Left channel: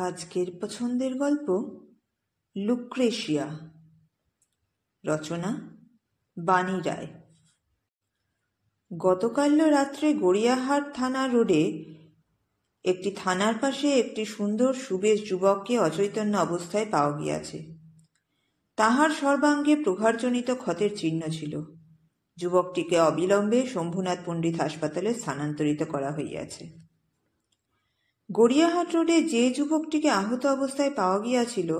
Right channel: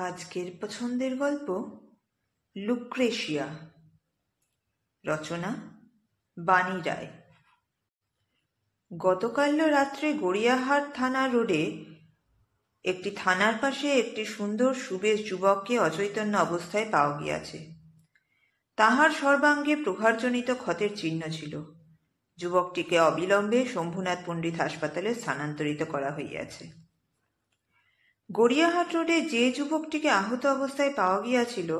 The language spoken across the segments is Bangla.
আজকের পছন্দের গল্প লুক্রেশিয়া। রচনা বাণী রায়। গতকাল রাত্রে গড়িয়াহাট থানা রোডে একটি থানার পাশে একটি সুন্দর সুবেশ যুবককে অচৈতন্য অবস্থায় পাওয়া গিয়াছে। তাহার সর্বাঙ্গে প্রহারজনিত ক্ষতের চিহ্ন ছিল। যুবকটিকে অবিলম্বে শম্ভুনাথ পণ্ডিত হাসপাতালে স্থানান্তরিত করা হইয়াছে। গড়িয়াহাট রোডে যে যুবকটিকে আহত অবস্থায় পাওয়া গিয়াছিল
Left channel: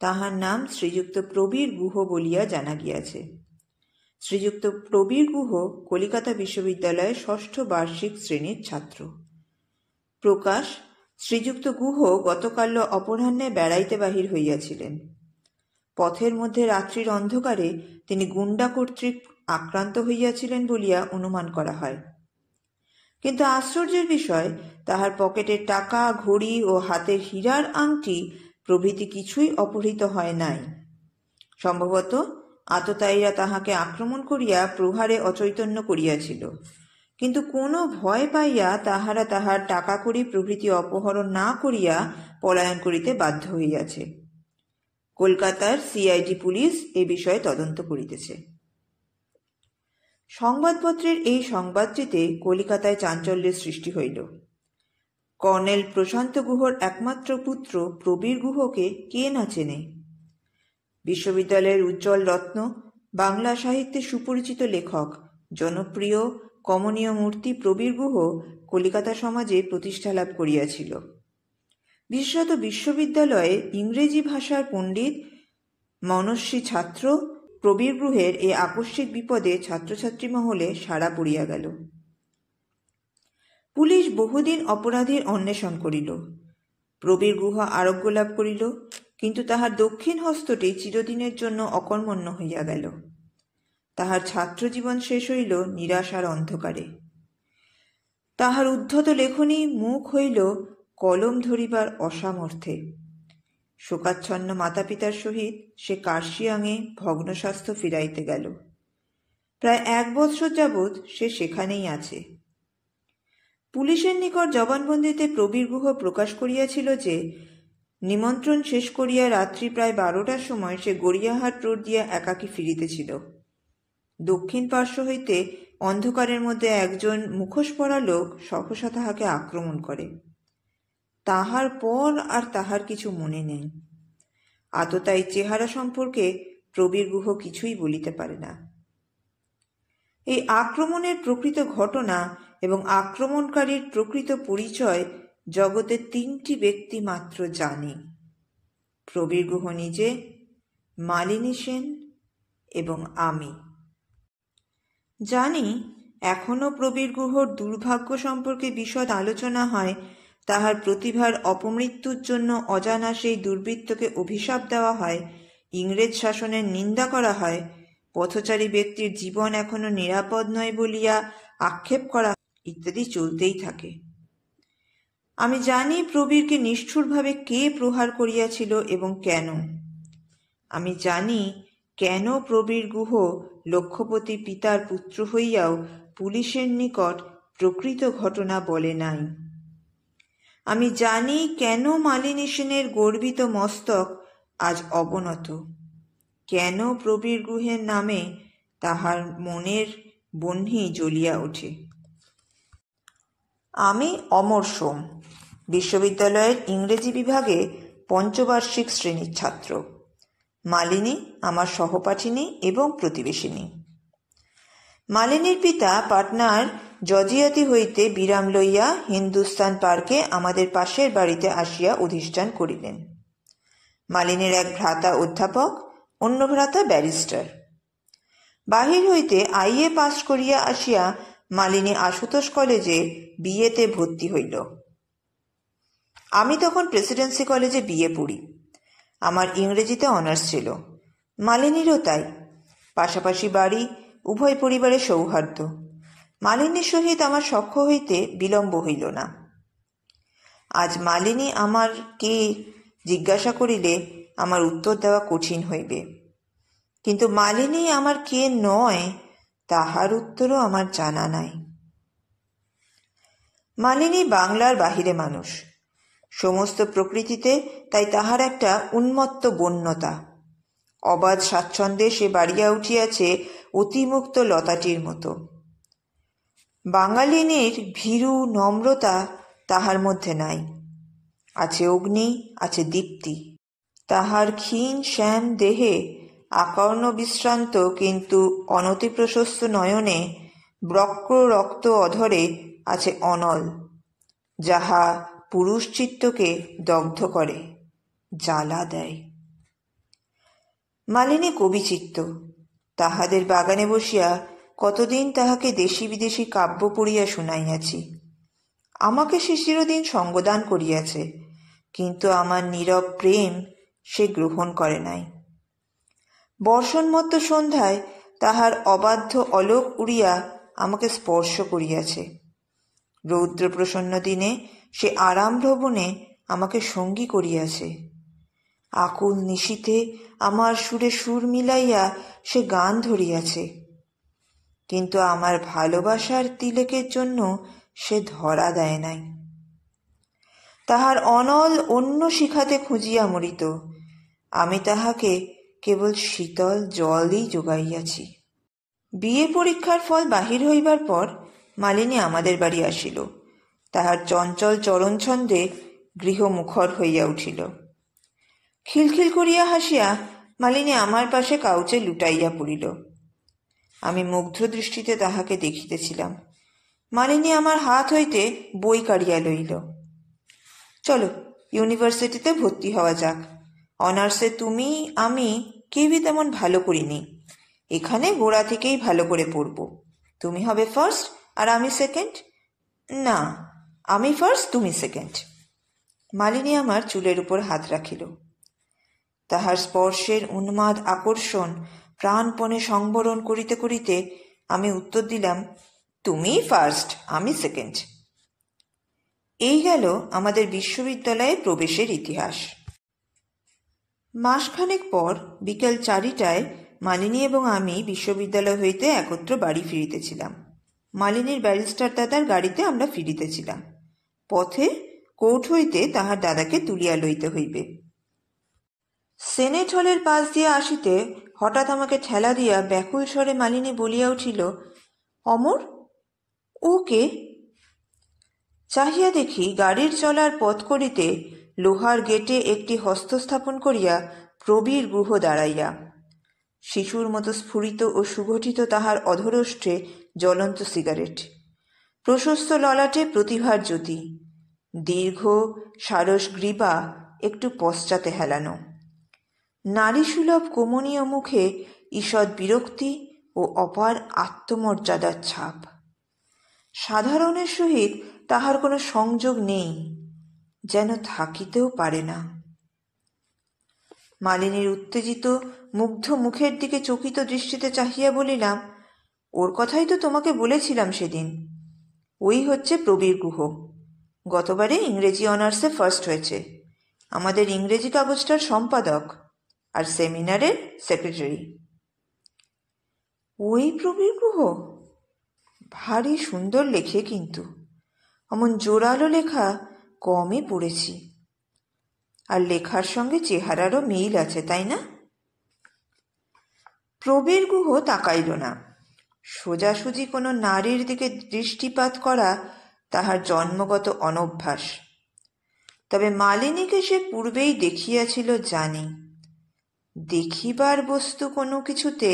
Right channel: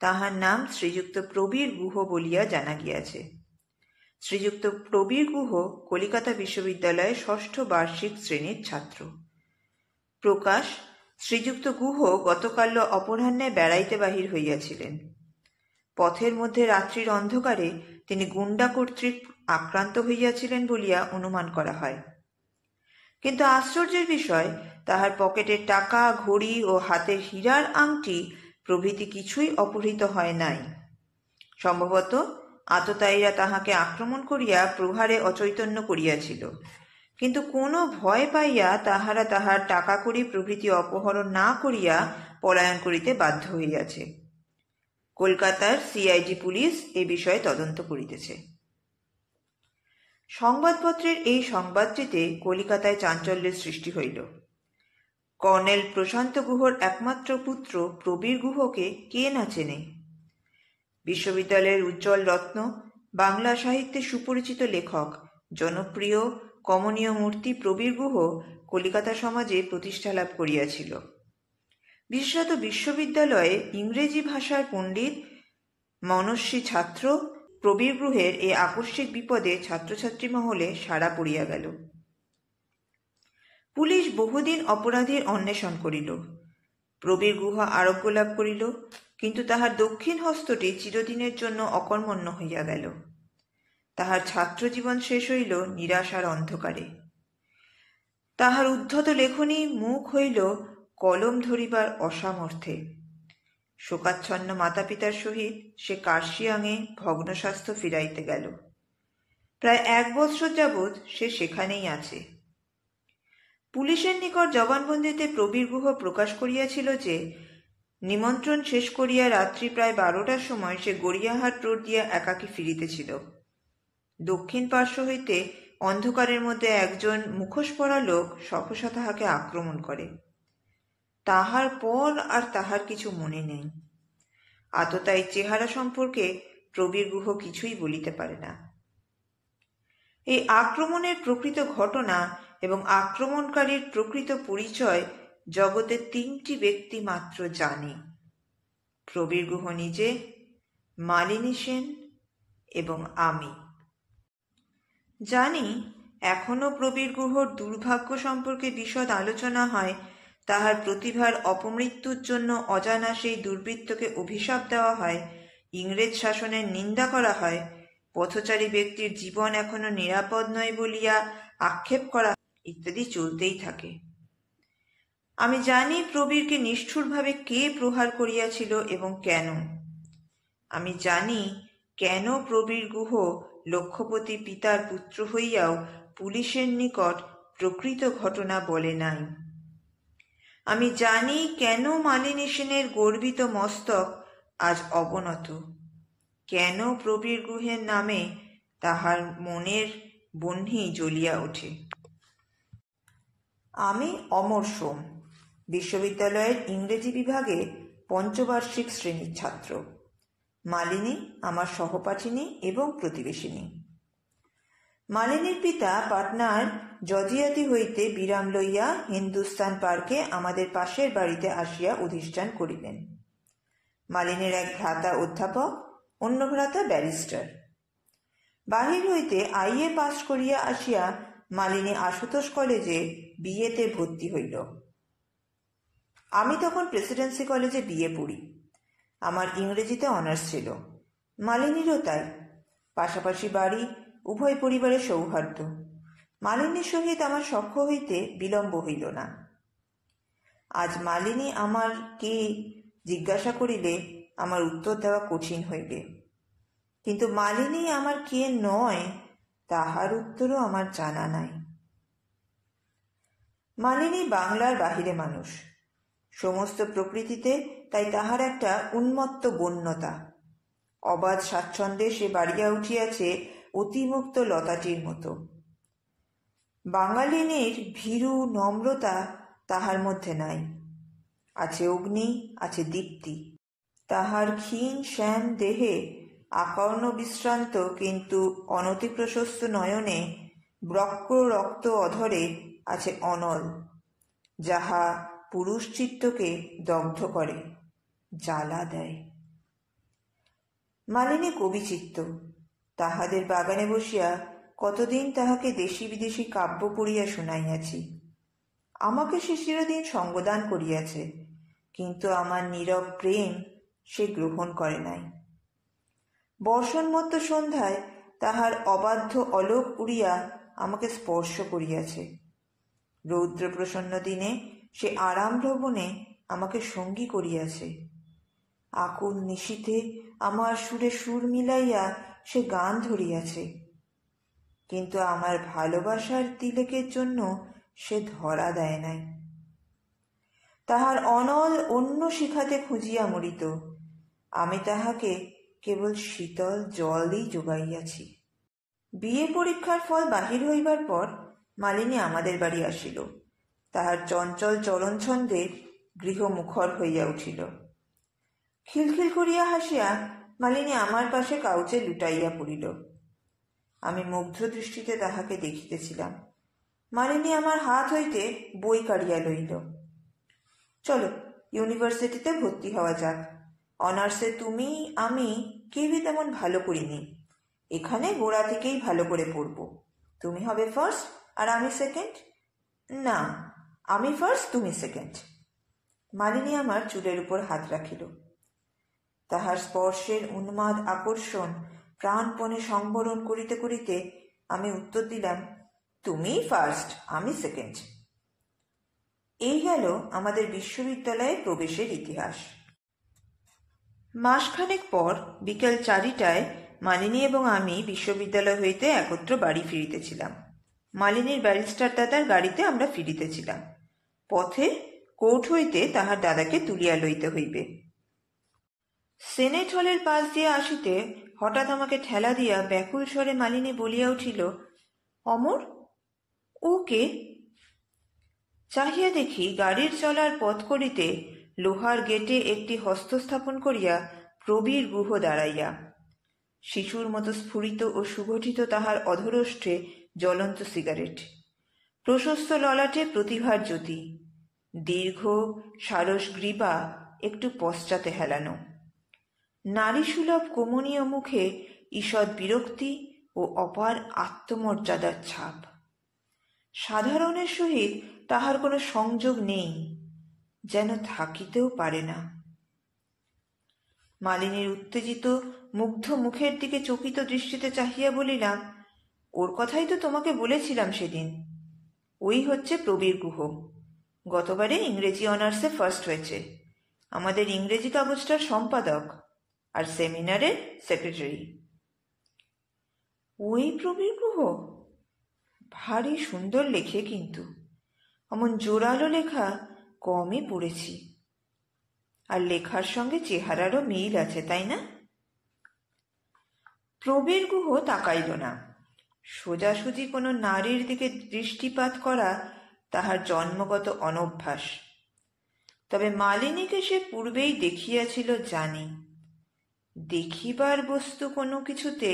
তাহার নাম শ্রীযুক্ত প্রবীর গুহ বলিয়া জানা গিয়াছে। শ্রীযুক্ত প্রবীর গুহ কলিকাতা বিশ্ববিদ্যালয়ের ৬ষ্ঠ বার্ষিক শ্রেণীর ছাত্র। প্রকাশ, শ্রীযুক্ত গুহ গতকাল অপরাহ্নে বেড়াইতে বাহির হইয়াছিলেন। পথের মধ্যে রাত্রির অন্ধকারে তিনি গুন্ডা কর্তৃক আক্রান্ত হইয়াছিলেন বলিয়া অনুমান করা হয়। কিন্তু আশ্চর্যের বিষয়, তাহার পকেটের টাকা, ঘড়ি ও হাতের হীরার আংটি প্রভৃতি কিছুই অপহৃত হয় নাই। সম্ভবত আততায়ীরা তাহাকে আক্রমণ করিয়া প্রহারে অচৈতন্য করিয়াছিল, কিন্তু কোনো ভয় পাইয়া তাহারা তাহার টাকা কড়ি প্রভৃতি অপহরণ না করিয়া পলায়ন করিতে বাধ্য হইয়াছে। কলকাতার সিআইডি পুলিশ এ বিষয়ে তদন্ত করিতেছে। সংবাদপত্রের এই সংবাদটিতে কলিকাতায় চাঞ্চল্যের সৃষ্টি হইল। কর্নেল প্রশান্ত গুহর একমাত্র পুত্র প্রবীর গুহকে কে না চেনে? বিশ্ববিদ্যালয়ের উজ্জ্বল রত্ন, বাংলা সাহিত্যে সুপরিচিত লেখক, জনপ্রিয় কমনীয় মূর্তি প্রবীর গুহ কলিকাতা সমাজে প্রতিষ্ঠা লাভ করিয়াছিল। বিশেষত বিশ্ববিদ্যালয়ে ইংরেজি ভাষার পণ্ডিত, মনস্বী ছাত্র প্রবীর গুহের এ আকস্মিক বিপদে ছাত্রছাত্রী মহলে সাড়া পড়িয়া গেল। পুলিশ বহুদিন অপরাধীর অন্বেষণ করিল। প্রবীর গুহ আরোগ্য লাভ করিল, কিন্তু তাহার দক্ষিণ হস্তটি চিরদিনের জন্য অকর্মণ্য হইয়া গেল। তাহার ছাত্রজীবন শেষ হইল নিরাশার অন্ধকারে। তাহার উদ্ধত লেখনী মুখ হইল কলম ধরিবার অসামর্থ্যে। শোকাচ্ছন্ন মাতা পিতার সহিত সে কার্শিয়াঙে ভগ্নস্বাস্থ্য ফিরাইতে গেল। প্রায় ১ বৎসর যাবৎ সে সেখানেই আছে। পুলিশের নিকট জবানবন্দিতে প্রবীর গুহ প্রকাশ করিয়াছিল যে নিমন্ত্রণ শেষ করিয়া রাত্রি প্রায় ১২টার সময় সে গড়িয়াহাট রোড দিয়া একাকী ফিরিতেছিল। দক্ষিণ পার্শ্ব হইতে অন্ধকারের মধ্যে একজন মুখোশ পরা লোক সহসা তাহাকে আক্রমণ করে। তাহার পর আর তাহার কিছু মনে নেই। আততায়ী চেহারা সম্পর্কে প্রবীর গুহ কিছুই বলিতে পারে না। এই আক্রমণের প্রকৃত ঘটনা এবং আক্রমণকারীর প্রকৃত পরিচয় জগতে ৩টি ব্যক্তি মাত্র জানে: প্রবীর গুহ নিজে, মালিনী সেন এবং আমি। জানি এখনো প্রবীর গুহর দুর্ভাগ্য সম্পর্কে বিশদ আলোচনা হয়, তাহার প্রতিভার অপমৃত্যুর জন্য অজানা সেই দুর্বৃত্তকে অভিশাপ দেওয়া হয়, ইংরেজ শাসনের নিন্দা করা হয়, পথচারী ব্যক্তির জীবন এখনো নিরাপদ নয় বলিয়া আক্ষেপ করা ইত্যাদি চলতেই থাকে। আমি জানি প্রবীরকে নিষ্ঠুরভাবে কে প্রহার করিয়াছিল এবং কেন। আমি জানি কেন প্রবীর গুহ লক্ষপতি পিতার পুত্র হইয়াও পুলিশের নিকট প্রকৃত ঘটনা বলে নাই। আমি জানি কেন মালিনী সেনের গর্বিত মস্তক আজ অবনত, কেন প্রবীর গুহের নামে তাহার মনের বহ্নি জ্বলিয়া ওঠে। আমি অমর সোম, বিশ্ববিদ্যালয়ের ইংরেজি বিভাগে ৫ম-বার্ষিক শ্রেণীর ছাত্র। মালিনী আমার সহপাঠিনী এবং প্রতিবেশিনী। মালিনীর পিতা পাটনার জজিয়াতি হইতে বিরাম লইয়া হিন্দুস্তান পার্কে আমাদের পাশের বাড়িতে আসিয়া অধিষ্ঠান করিলেন। মালিনীর এক ভ্রাতা অধ্যাপক, অন্য ভ্রাতা ব্যারিস্টার। বাহির হইতে আইএ পাস করিয়া আসিয়া মালিনী আশুতোষ কলেজে বিএতে ভর্তি হইল। আমি তখন প্রেসিডেন্সি কলেজে বিএ পড়ি। আমার ইংরেজিতে অনার্স ছিল, মালিনীরও তাই। পাশাপাশি বাড়ি, উভয় পরিবারের সৌহার্দ্য। মালিনীর সহিত আমার সখ্য হইতে বিলম্ব হইল না। আজ মালিনী আমার কে জিজ্ঞাসা করিলে আমার উত্তর দেওয়া কঠিন হইবে, কিন্তু মালিনী আমার কে নয় তাহার উত্তরও আমার জানা নাই। মালিনী বাংলার বাহিরে মানুষ। সমস্ত প্রকৃতিতে তাই তাহার একটা উন্মত্ত বন্যতা। অবাধ স্বাচ্ছন্দ্যে সে বাড়িয়া উঠিয়াছে অতিমুক্ত লতাটির মতো। বাঙালিনীর ভীরু নম্রতা তাহার মধ্যে নাই। আছে অগ্নি, আছে দীপ্তি। তাহার ক্ষীণ শ্যাম দেহে আকর্ণ বিশ্রান্ত কিন্তু অনতিপ্রশস্ত নয়নে বক্র রক্ত অধরে আছে অনল, যাহা পুরুষ চিত্তকে দগ্ধ করে, জ্বালা দেয়। মালিনী কবিচিত্ত। তাহাদের বাগানে বসিয়া কতদিন তাহাকে দেশি বিদেশি কাব্য পড়িয়া শুনাইয়াছি। আমাকে সে চিরদিন সঙ্গদান করিয়াছে, কিন্তু আমার নীরব প্রেম সে গ্রহণ করে নাই। বর্ষণমত্ত সন্ধ্যায় তাহার অবাধ্য অলোক উড়িয়া আমাকে স্পর্শ করিয়াছে। রৌদ্রপ্রসন্ন দিনে সে আরাম ভ্রমণে আমাকে সঙ্গী করিয়াছে। আকুল নিশীথে আমার সুরে সুর মিলাইয়া সে গান ধরিয়াছে, কিন্তু আমার ভালোবাসার তিলেকের জন্য সে ধরা দেয় নাই। তাহার অনল অন্য শিখাতে খুঁজিয়া মরিত, আমি তাহাকে কেবল শীতল জলই যোগাইয়াছি। বিয়ে পরীক্ষার ফল বাহির হইবার পর মালিনী আমাদের বাড়ি আসিল। তাহার চঞ্চল চরণছন্দে গৃহ মুখর হইয়া উঠিল। খিলখিল করিয়া হাসিয়া মালিনী আমার পাশে কাউচে লুটাইয়া পড়িল। আমি মুগ্ধ দৃষ্টিতে তাহাকে দেখিতেছিলাম। মালিনী আমার হাত হইতে বই কাড়িয়া লইল। চলো, ইউনিভার্সিটিতে ভর্তি হওয়া যাক। অনার্সে তুমি আমি কেউই তেমন ভালো করিনি। এখানে গোড়া থেকেই ভালো করে পড়ব। তুমি হবে ফার্স্ট আর আমি সেকেন্ড। না, আমি ফার্স্ট, তুমি সেকেন্ড। মালিনী আমার চুলের উপর হাত রাখিল। তাহার স্পর্শের উন্মাদ আকর্ষণ প্রাণপণে সংবরণ করিতে করিতে আমি উত্তর দিলাম, তুমি ফার্স্ট, আমি সেকেন্ড। এই গেল আমাদের বিশ্ববিদ্যালয়ে প্রবেশের ইতিহাস। মাসখানেক পর বিকেল 4টায় মালিনী এবং আমি বিশ্ববিদ্যালয় হইতে একত্র বাড়ি ফিরিতেছিলাম। মালিনীর ব্যারিস্টার দাদার গাড়িতে আমরা ফিরিতেছিলাম। পথে কোর্ট হইতে তাহার দাদাকে তুলিয়া লইতে হইবে। সেনেট হলের পাশ দিয়া আসিতে হঠাৎ আমাকে ঠেলা দিয়া ব্যাকুল স্বরে মালিনী বলিয়া উঠিল, অমর, ও কে? চাহিয়া দেখি গাড়ির চলার পথ করিতে লোহার গেটে একটি হস্তস্থাপন করিয়া প্রবীর গুহ দাঁড়াইয়া। শিশুর মতো স্ফুরিত ও সুগঠিত তাহার অধরোষ্ঠে জ্বলন্ত সিগারেট, প্রশস্ত ললাটে প্রতিভার জ্যোতি, দীর্ঘ সারস গ্রীবা একটু পশ্চাতে হেলানো, নারীসুলভ কমনীয় মুখে ঈষৎ বিরক্তি ও অপার আত্মমর্যাদার ছাপ। সাধারণের সহিত তাহার কোনো সংযোগ নেই, যেন থাকিতেও পারে না। মালিনীর উত্তেজিত মুগ্ধ মুখের দিকে চকিত দৃষ্টিতে চাহিয়া বলিলাম, ওর কথাই তো তোমাকে বলেছিলাম সেদিন। ওই হচ্ছে প্রবীর গুহ। গতবারে ইংরেজি অনার্সে ফার্স্ট হয়েছে। আমাদের ইংরেজি কাগজটার সম্পাদক আর সেমিনারের সেক্রেটারি। ওই প্রবীর গুহ? ভারী সুন্দর লেখে, কিন্তু অমন জোরালো লেখা কমই পড়েছি। আর লেখার সঙ্গে চেহারারও মিল আছে, তাই না? প্রবীর গুহ তাকাইল না। সোজাসুজি কোনো নারীর দিকে দৃষ্টিপাত করা তাহার জন্মগত অনভ্যাস। তবে মালিনীকে সে পূর্বেই দেখিয়াছিল জানি। দেখিবার বস্তু কোনো কিছুতে,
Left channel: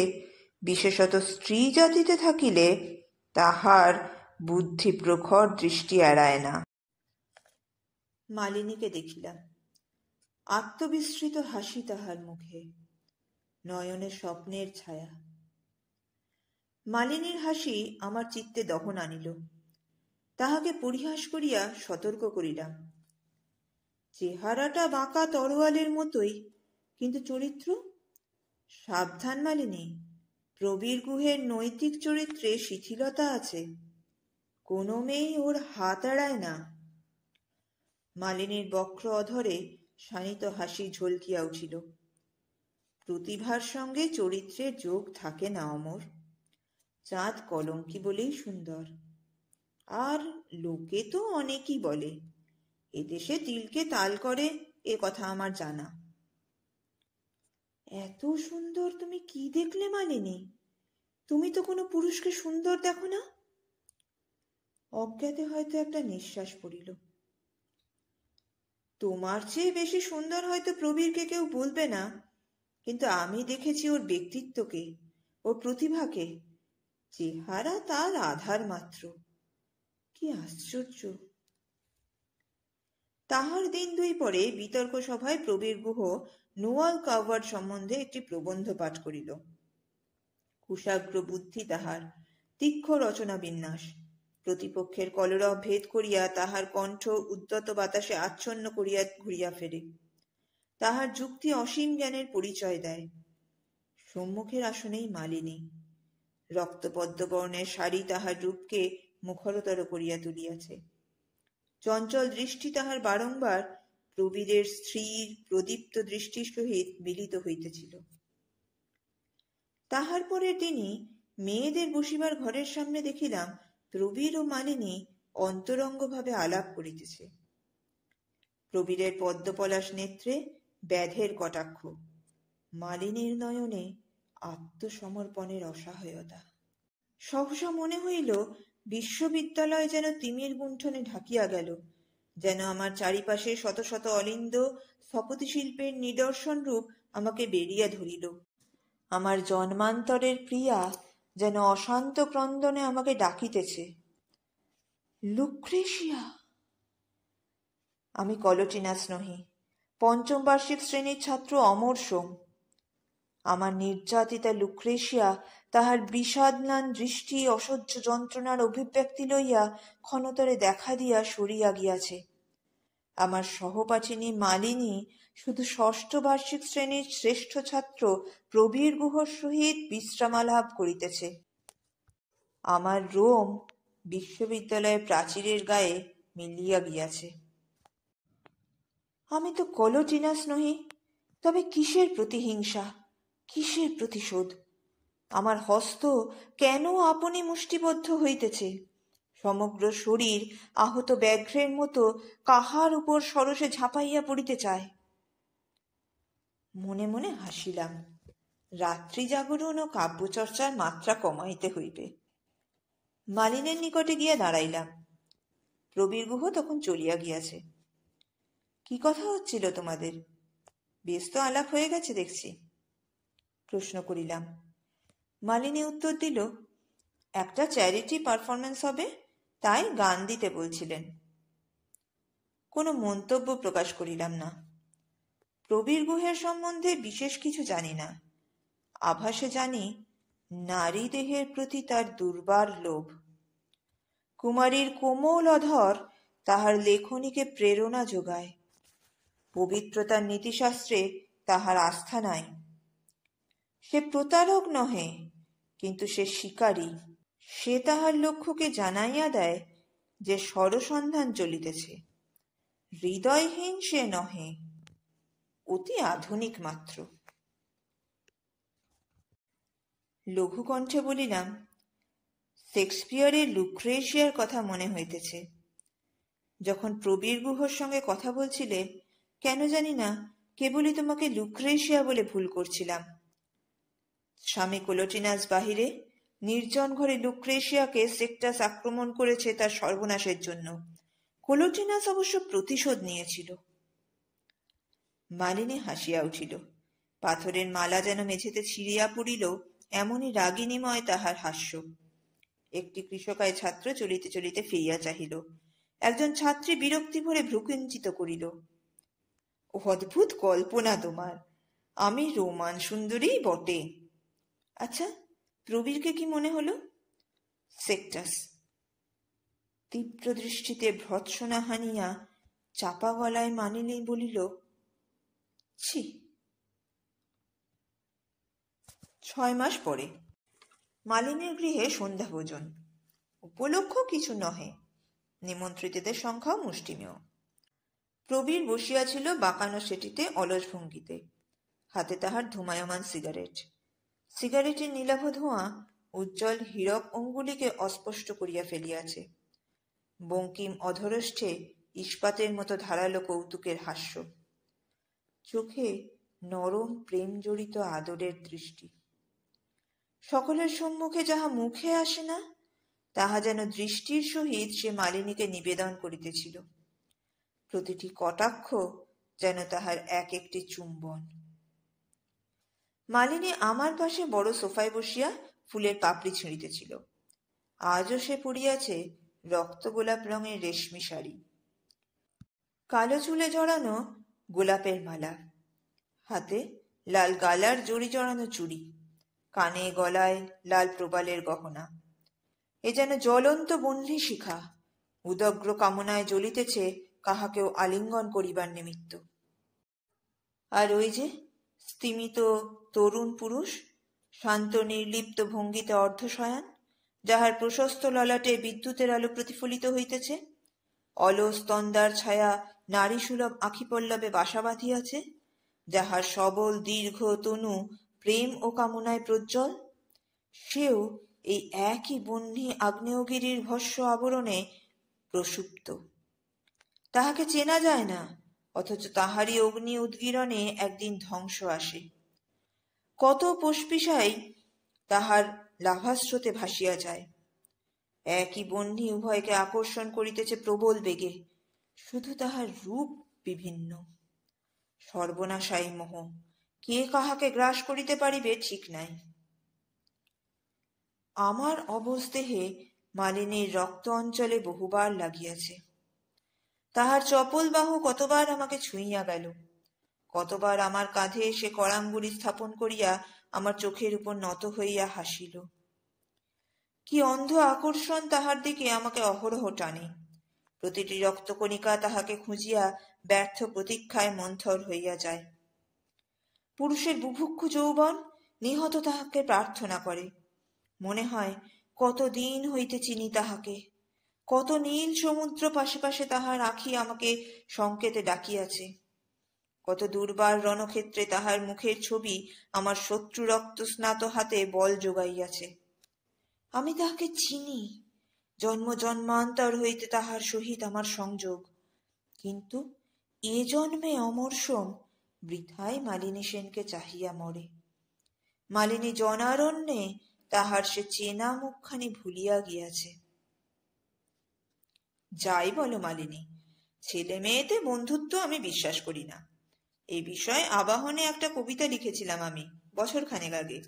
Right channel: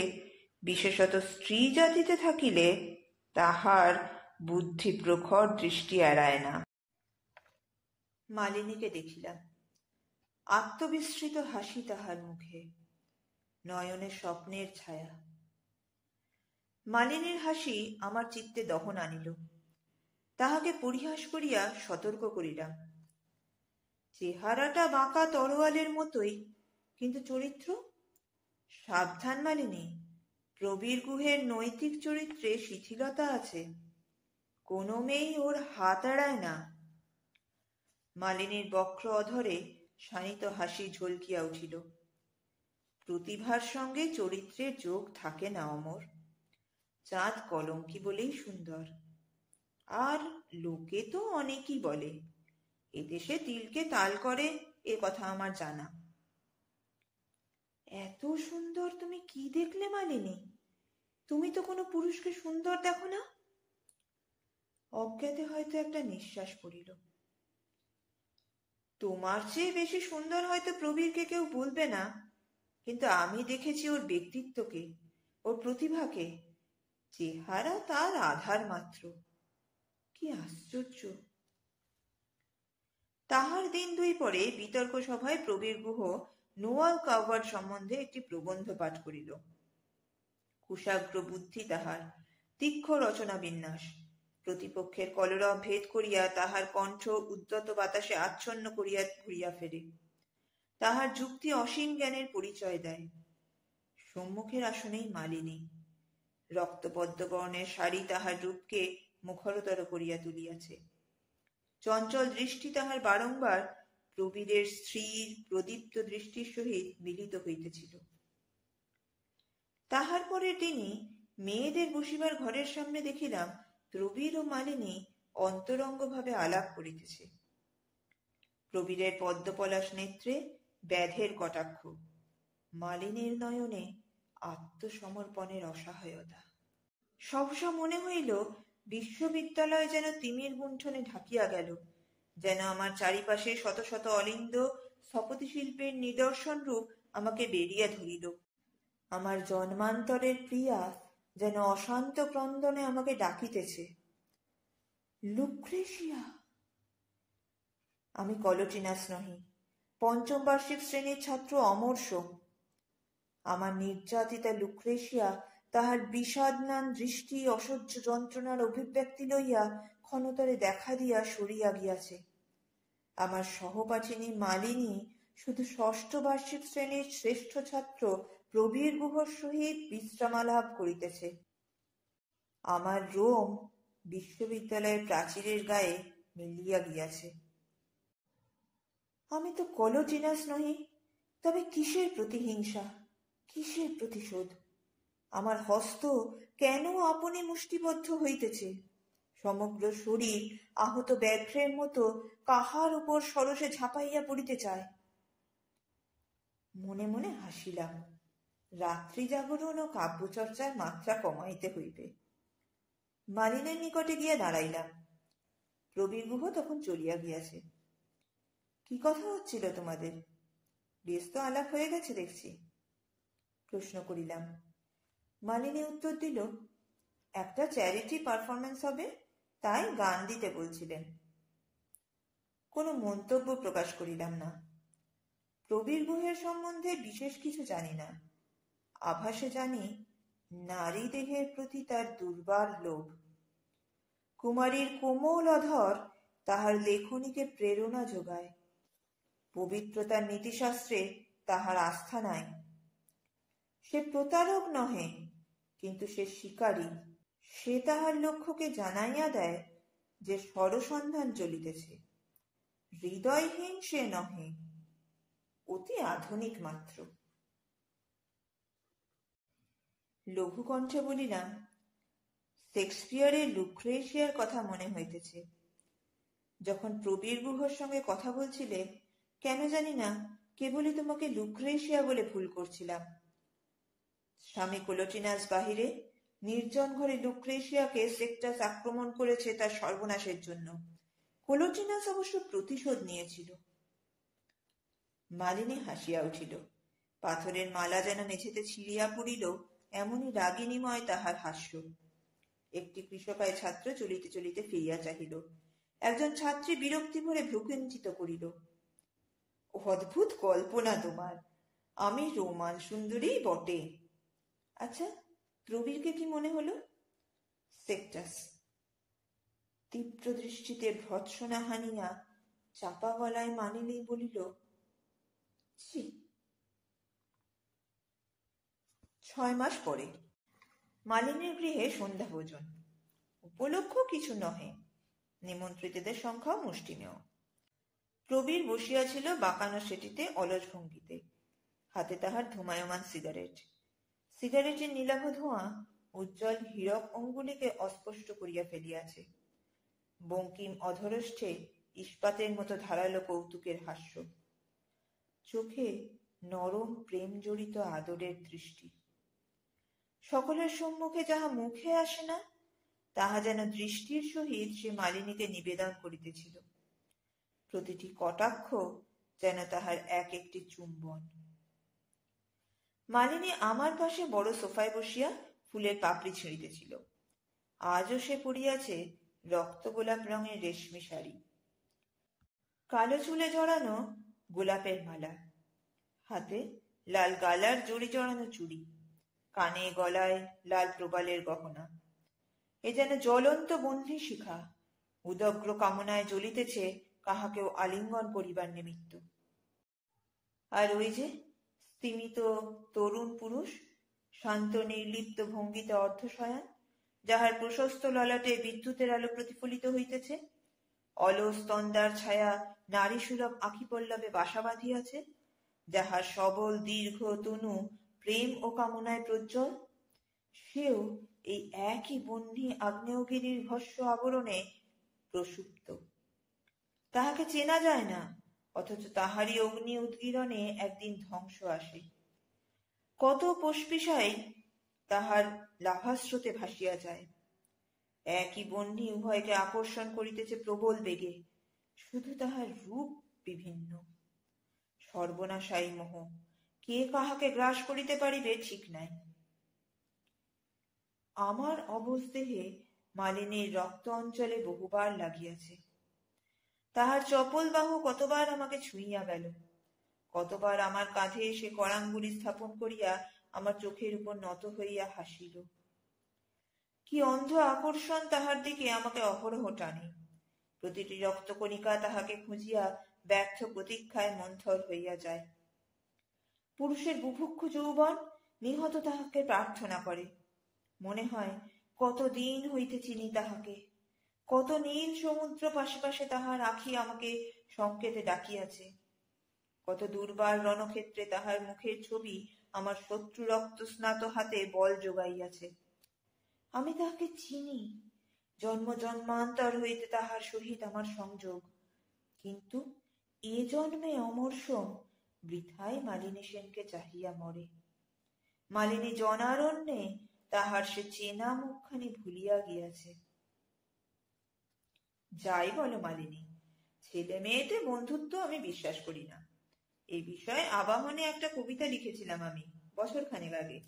বিশেষত স্ত্রী জাতিতে থাকিলে তাহার বুদ্ধি প্রখর দৃষ্টি এড়ায় না। মালিনীকে দেখিলাম। আত্মবিস্মৃত হাসি তাহার মুখে, নয়নে স্বপ্নের ছায়া। মালিনীর হাসি আমার চিত্তে দহন আনিল। তাহাকে পরিহাস করিয়া সতর্ক করিলাম, চেহারাটা বাঁকা তরোয়ালের মতোই, কিন্তু চরিত্র? সাবধান মালিনী, প্রবীর গুহের নৈতিক চরিত্রে শিথিলতা আছে। কোনো মেয়েই ওর হাত এড়ায় না। মালিনীর বক্র অধরে শানিত হাসি ঝলকিয়া উঠিল। প্রতিভার সঙ্গে চরিত্রের যোগ থাকে না অমর। চাঁদ কলঙ্কি বলেই সুন্দর। আর লোকে তো অনেকই বলে, এদেশে তিলকে তাল করে এ কথা আমার জানা। এত সুন্দর তুমি কি দেখলে মালিনী? তুমি তো কোনো পুরুষকে সুন্দর দেখো না। অজ্ঞাতে হয়তো একটা নিঃশ্বাস পড়িল। তোমার চেয়ে বেশি সুন্দর হয়তো প্রবীরকে কেউ বলবে না, কিন্তু আমি দেখেছি ওর ব্যক্তিত্বকে, ওর প্রতিভাকে। চেহারা তার আধার মাত্র। কি আশ্চর্য! তাহার দিন দুই পরে বিতর্ক সভায় প্রবীর গুহ নোয়াল কাভার্ড সম্বন্ধে একটি প্রবন্ধ পাঠ করিল। কুশাগ্র বুদ্ধি তাহার, তীক্ষ্ণ রচনা বিন্যাস, প্রতিপক্ষের কলরব ভেদ করিয়া তাহার কণ্ঠ উদ্যত বাতাসে আচ্ছন্ন করিয়া ঘুরিয়া ফেরে। তাহার যুক্তি অসীম জ্ঞানের পরিচয় দেয়। সম্মুখের আসনেই মালিনী। রক্তপদ্ম বর্ণের শাড়ি তাহার রূপকে মুখরতর করিয়া তুলিয়াছে। চঞ্চল দৃষ্টি তাহার বারংবার প্রবীরের স্ত্রীর প্রদীপ্ত দৃষ্টির সহিত মিলিত হইতেছিল। তাহার পরের দিনই মেয়েদের বসিবার ঘরের সামনে দেখিলাম প্রবীর ও মালিনী অন্তরঙ্গভাবে আলাপ করিতেছে। প্রবীরের পদ্মপলাশ নেত্রে ব্যাধের কটাক্ষ, মালিনীর নয়নে আত্মসমর্পণের অসহায়তা। সহসা মনে হইল বিশ্ববিদ্যালয় যেন তিমির গুণ্ঠনে ঢাকিয়া গেল, যেন আমার চারিপাশে শত শত অলিন্দ স্থপতি শিল্পের নিদর্শন রূপ আমাকে বেরিয়া ধরিল। আমার জন্মান্তরের প্রিয়া যেন অশান্ত ক্রন্দনে আমাকে ডাকিতেছে, লুক্রেশিয়া। আমি কলটিনাস নহি, পঞ্চম বার্ষিক শ্রেণীর ছাত্র অমর সোম। আমার নির্যাতিতা লুক্রেশিয়া তাহার বিষাদম্লান দৃষ্টি অসহ্য যন্ত্রণার অভিব্যক্তি লইয়া ক্ষণতরে দেখা দিয়া সরিয়া গিয়াছে। আমার সহপাঠিনী মালিনী শুধু ষষ্ঠ বার্ষিক শ্রেণীর শ্রেষ্ঠ ছাত্র প্রবীর গুহর সহিত বিশ্রামালাপ করিতেছে। আমার রোম বিশ্ববিদ্যালয়ের প্রাচীরের গায়ে মিলিয়া গিয়াছে। আমি তো কলটিনাস নহি, তবে কিসের প্রতিহিংসা, কিসের প্রতিশোধ? আমার হস্ত কেন আপনি মুষ্টিবদ্ধ হইতেছে? সমগ্র শরীর আহত ব্যাঘ্রের মতো কাহার উপর সরসে ঝাঁপাইয়া পড়িতে চায়। মনে মনে হাসিলাম। রাত্রি জাগরণ ও কাব্যচর্চার মাত্রা কমাইতে হইবে। মালিনের নিকটে গিয়া দাঁড়াইলাম। প্রবীর গুহ তখন চলিয়া গিয়াছে। কি কথা হচ্ছিল তোমাদের? বেশ তো আলাপ হয়ে গেছে দেখছি। প্রশ্ন করিলাম। মালিনী উত্তর দিল, একটা চ্যারিটি পারফরমেন্স হবে, তাই গান দিতে বলছিলেন। কোনো মন্তব্য প্রকাশ করিলাম না। প্রবীর গুহের সম্বন্ধে বিশেষ কিছু জানি না। আভাসে জানি নারী দেহের প্রতি তার দুর্বার লোভ। কুমারীর কোমল অধর তাহার লেখনীকে প্রেরণা যোগায়। পবিত্রতার নীতিশাস্ত্রে তাহার আস্থা নাই। সে প্রতারক নহে, কিন্তু সে শিকারী। সে তাহার লক্ষ্যকে জানাইয়া দেয় যে সরসন্ধান চলিতেছে। হৃদয়হীন সে নহে, অতি আধুনিক মাত্র। লঘুকণ্ঠে বলিলাম, শেক্সপিয়রের লুক্রেশিয়ার কথা মনে হইতেছে। যখন প্রবীর গুহর সঙ্গে কথা বলছিলে, কেন জানি না কেবলই তোমাকে লুক্রেশিয়া বলে ভুল করছিলাম। স্বামী কলটিনাস বাহিরে নির্জন ঘরে লুক্রেশিয়াকে সেক্টাস আক্রমণ করেছে তার সর্বনাশের জন্য। কলটিনাস অবশ্য প্রতিশোধ নিয়েছিল। মালিনী হাসিয়া উঠিল। পাথরের মালা যেন মেঝেতে ছিঁড়িয়া পড়িল, এমনই রাগিনীময় তাহার হাস্য। একটি কৃষকায় ছাত্র চলিতে চলিতে ফিরিয়া চাহিল। একজন ছাত্রী বিরক্তি ভরে ভ্রুকুঞ্চিত করিল। অদ্ভুত কল্পনা তোমার। আমি রোমান সুন্দরী বটে। আচ্ছা, প্রবীরকে কি মনে হলো? সেক্টাস। তীব্র দৃষ্টিতে ভর্ৎসনা হানিয়া চাপা গলায় মালিনী বলিল, ছি। 6 মাস পরে মালিনীর গৃহে সন্ধ্যা ভোজন। উপলক্ষ কিছু নহে, নিমন্ত্রিতদের সংখ্যাও মুষ্টিমেয়। প্রবীর বসিয়াছিল বাঁকানো সেটিতে অলস ভঙ্গিতে, হাতে তাহার ধূমায়মান সিগারেট। সিগারেটের নীলাভ ধোঁয়া উজ্জ্বল হীরক অঙ্গুলিকে অস্পষ্ট করিয়া ফেলিয়াছে। বঙ্কিম অধরষ্ঠে ইস্পাতের মতো ধারালো কৌতুকের হাস্য, চোখে নরম প্রেম জড়িত আদরের দৃষ্টি। সকলের সম্মুখে যাহা মুখে আসে না, তাহা যেন দৃষ্টির সহিত সে মালিনীকে নিবেদন করিতেছিল। প্রতিটি কটাক্ষ যেন তাহার এক একটি চুম্বন। মালিনী আমার পাশে বড় সোফায় বসিয়া ফুলের পাপড়ি ছিঁড়িতেছিল। আজও সে পরিয়াছে রক্ত গোলাপ রঙের রেশমি শাড়ি, কালো চুলে জড়ানো গোলাপের মালা, হাতে লাল গালার জড়ি জড়ানো চুড়ি, কানে গলায় লাল প্রবালের গহনা। এ যেন জ্বলন্ত বহ্নি শিখা, উদগ্র কামনায় জ্বলিতেছে কাহাকেও আলিঙ্গন করিবার নিমিত্ত। আর ওই যে স্তিমিত তরুণ পুরুষ, শান্ত নির্লিপ্ত ভঙ্গিতে অর্ধশয়ান, যাহার প্রশস্ত ললাটে বিদ্যুতের আলো প্রতিফলিত হইতেছে, অলস তন্দার ছায়া নারী সুলভ আঁখি পল্লবে বাসা বাঁধিয়াছে, যাহার সবল দীর্ঘ তনু প্রেম ও কামনায় প্রজ্জ্বল, সেও এই একই বহ্নি আগ্নেয়গিরির ভস্য আবরণে প্রসুপ্ত। তাহাকে চেনা যায় না, অথচ তাহারই অগ্নি উদ্গীরণে একদিন ধ্বংস আসে। কত পশপিশাই তাহার লাভাস্রোতে ভাসিয়া যায়। একই বহ্নি উভয়কে আকর্ষণ করিতেছে প্রবল বেগে, শুধু তাহার রূপ বিভিন্ন। সর্বনাশায়ী মোহ, কে কাহাকে গ্রাস করিতে পারিবে ঠিক নাই। আমার অবস্দেহে মালিনীর রক্ত অঞ্চলে বহুবার লাগিয়াছে। তাহার চপল বাহু কতবার আমাকে ছুঁইয়া গেল, কতবার আমার কাঁধে সে করাঙ্গুলি স্থাপন করিয়া আমার চোখের উপর নত হইয়া হাসিল। কি অন্ধ আকর্ষণ তাহার দিকে আমাকে অহরহ টানে। প্রতিটি রক্তকণিকা তাহাকে খুঁজিয়া ব্যর্থ প্রতীক্ষায় মন্থর হইয়া যায়। পুরুষের বুভুক্ষু যৌবন নিহত তাহাকে প্রার্থনা করে। মনে হয় কতদিন হইতে চিনি তাহাকে, কত নীল সমুদ্র পাশে পাশে তাহার আঁখি আমাকে সংকেতে ডাকিয়াছে, কত দুর্বার রণক্ষেত্রে তাহার মুখের ছবি আমার শত্রু রক্ত স্নাত হাতে বল যোগাইয়াছে। আমি তাহাকে চিনি, জন্ম জন্মান্তর হইতে তাহার সহিত আমার সংযোগ, কিন্তু এ জন্মে অমরসম বৃথায় মালিনী সেনকে চাহিয়া মরে। মালিনী জনারণ্যে তাহার সে চেনা মুখখানি ভুলিয়া গিয়াছে। যাই বলো মালিনী, ছেলে মেয়েতে বন্ধুত্ব আমি বিশ্বাস করি না। এই বিষয়ে আবাহনে একটা কবিতা লিখেছিলাম আমি বছরখানেক আগে।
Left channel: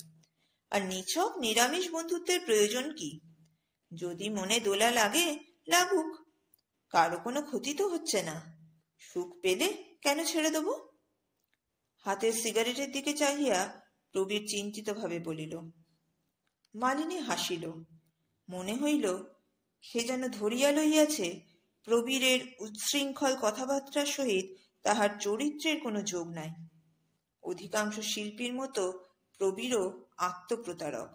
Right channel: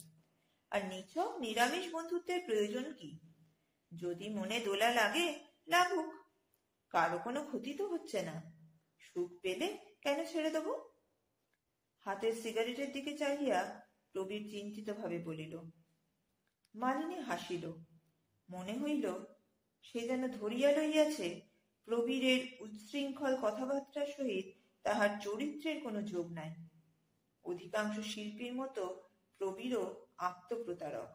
আর নিছক নিরামিষ বন্ধুত্বের প্রয়োজন কি? যদি মনে দোলা লাগে লাগুক, কারো কোনো ক্ষতি তো হচ্ছে না। সুখ পেলে কেন ছেড়ে দেব? হাতের সিগারেটের দিকে চাহিয়া প্রবীর চিন্তিতভাবে বলিল। মালিনী হাসিল। মনে হইল সে যেন ধরিয়া লইয়াছে প্রবীরের উচ্ছৃঙ্খল কথাবার্তার সহিত তাহার চরিত্রের কোনো যোগ নাই। অধিকাংশ শিল্পীর মতো প্রবীরও আত্মপ্রতারক।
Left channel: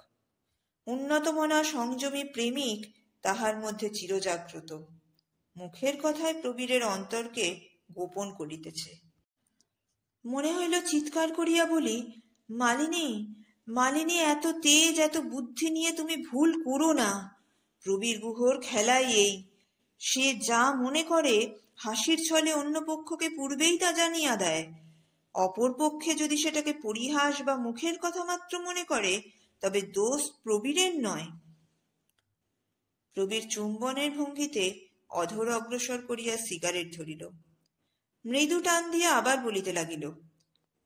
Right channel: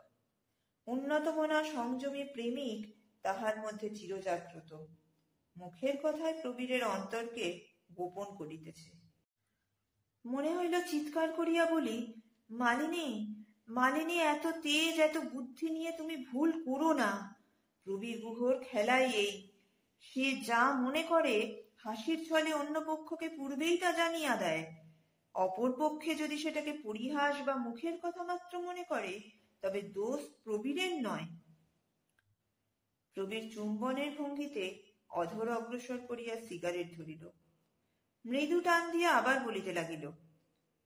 উন্নতমনা সংযমী প্রেমিক তাহার মধ্যে চিরজাগ্রত। মুখের কথায় প্রবীরের অন্তরকে গোপন করিতেছে। মনে হইল চিৎকার করিয়া বলি, মালিনী, মালিনী, এত তেজ এত বুদ্ধি নিয়ে তুমি ভুল করো না। প্রবীর গুহর খেলাই এই, সে যা মনে করে হাসির ছলে অন্য পক্ষকে পূর্বেই তা জানিয়া দেয়। অপর পক্ষে যদি সেটাকে পরিহাস বা মুখের কথা মাত্র মনে করে, তবে দোষ প্রবীরের নয়। প্রবীর চুম্বনের ভঙ্গিতে অধর অগ্রসর করিয়া সিগারেট ধরিল। মৃদু টান দিয়া আবার বলিতে লাগিল,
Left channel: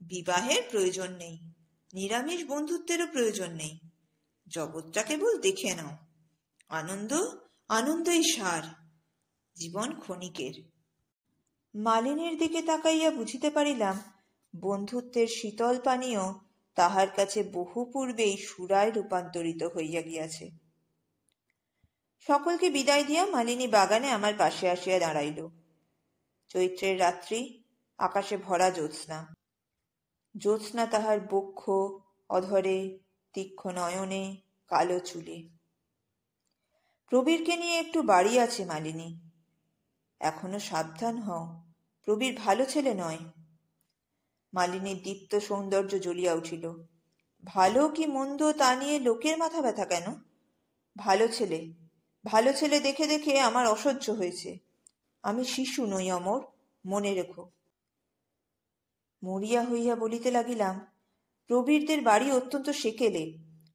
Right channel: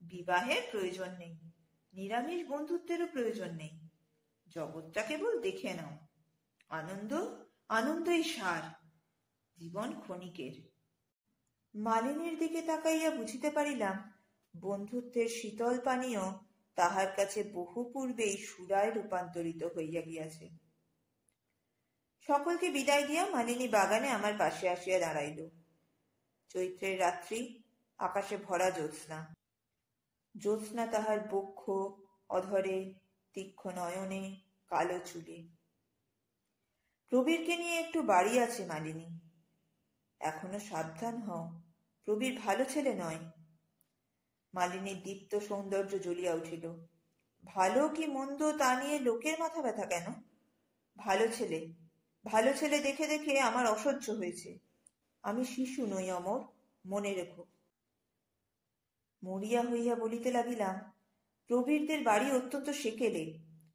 বিবাহের প্রয়োজন নেই, নিরামিষ বন্ধুত্বেরও প্রয়োজন নেই। জগৎটা কেবল দেখে নাও। আনন্দ, আনন্দই সার, জীবন ক্ষণিকের। মালিনীর দিকে তাকাইয়া বুঝিতে পারিলাম বন্ধুত্বের শীতল পানীয় তাহার কাছে বহু পূর্বেই সুরায় রূপান্তরিত হইয়া গিয়াছে। সকলকে বিদায় দিয়া মালিনী বাগানে আমার পাশে আসিয়া দাঁড়াইল। চৈত্রের রাত্রি, আকাশে ভরা জ্যোৎস্না। জ্যোৎস্না তাহার বক্ষ, অধরে, তীক্ষ্ণ নয়নে, কালো চুলে। প্রবীরকে নিয়ে একটু বাড়ি আছে মালিনী। এখনো সাবধান হও, প্রবীর ভালো ছেলে নয়। মালিনীর দীপ্ত সৌন্দর্য জ্বলিয়া উঠিল। ভালো কি মন্দ তা নিয়ে লোকের মাথা ব্যথা কেন? ভালো ছেলে, ভালো ছেলে দেখে দেখে আমার অসহ্য হয়েছে। আমি শিশু নই অমর, মনে রেখো। মরিয়া হইয়া বলিতে লাগিলাম, প্রবীরদের বাড়ি অত্যন্ত সেকেলে,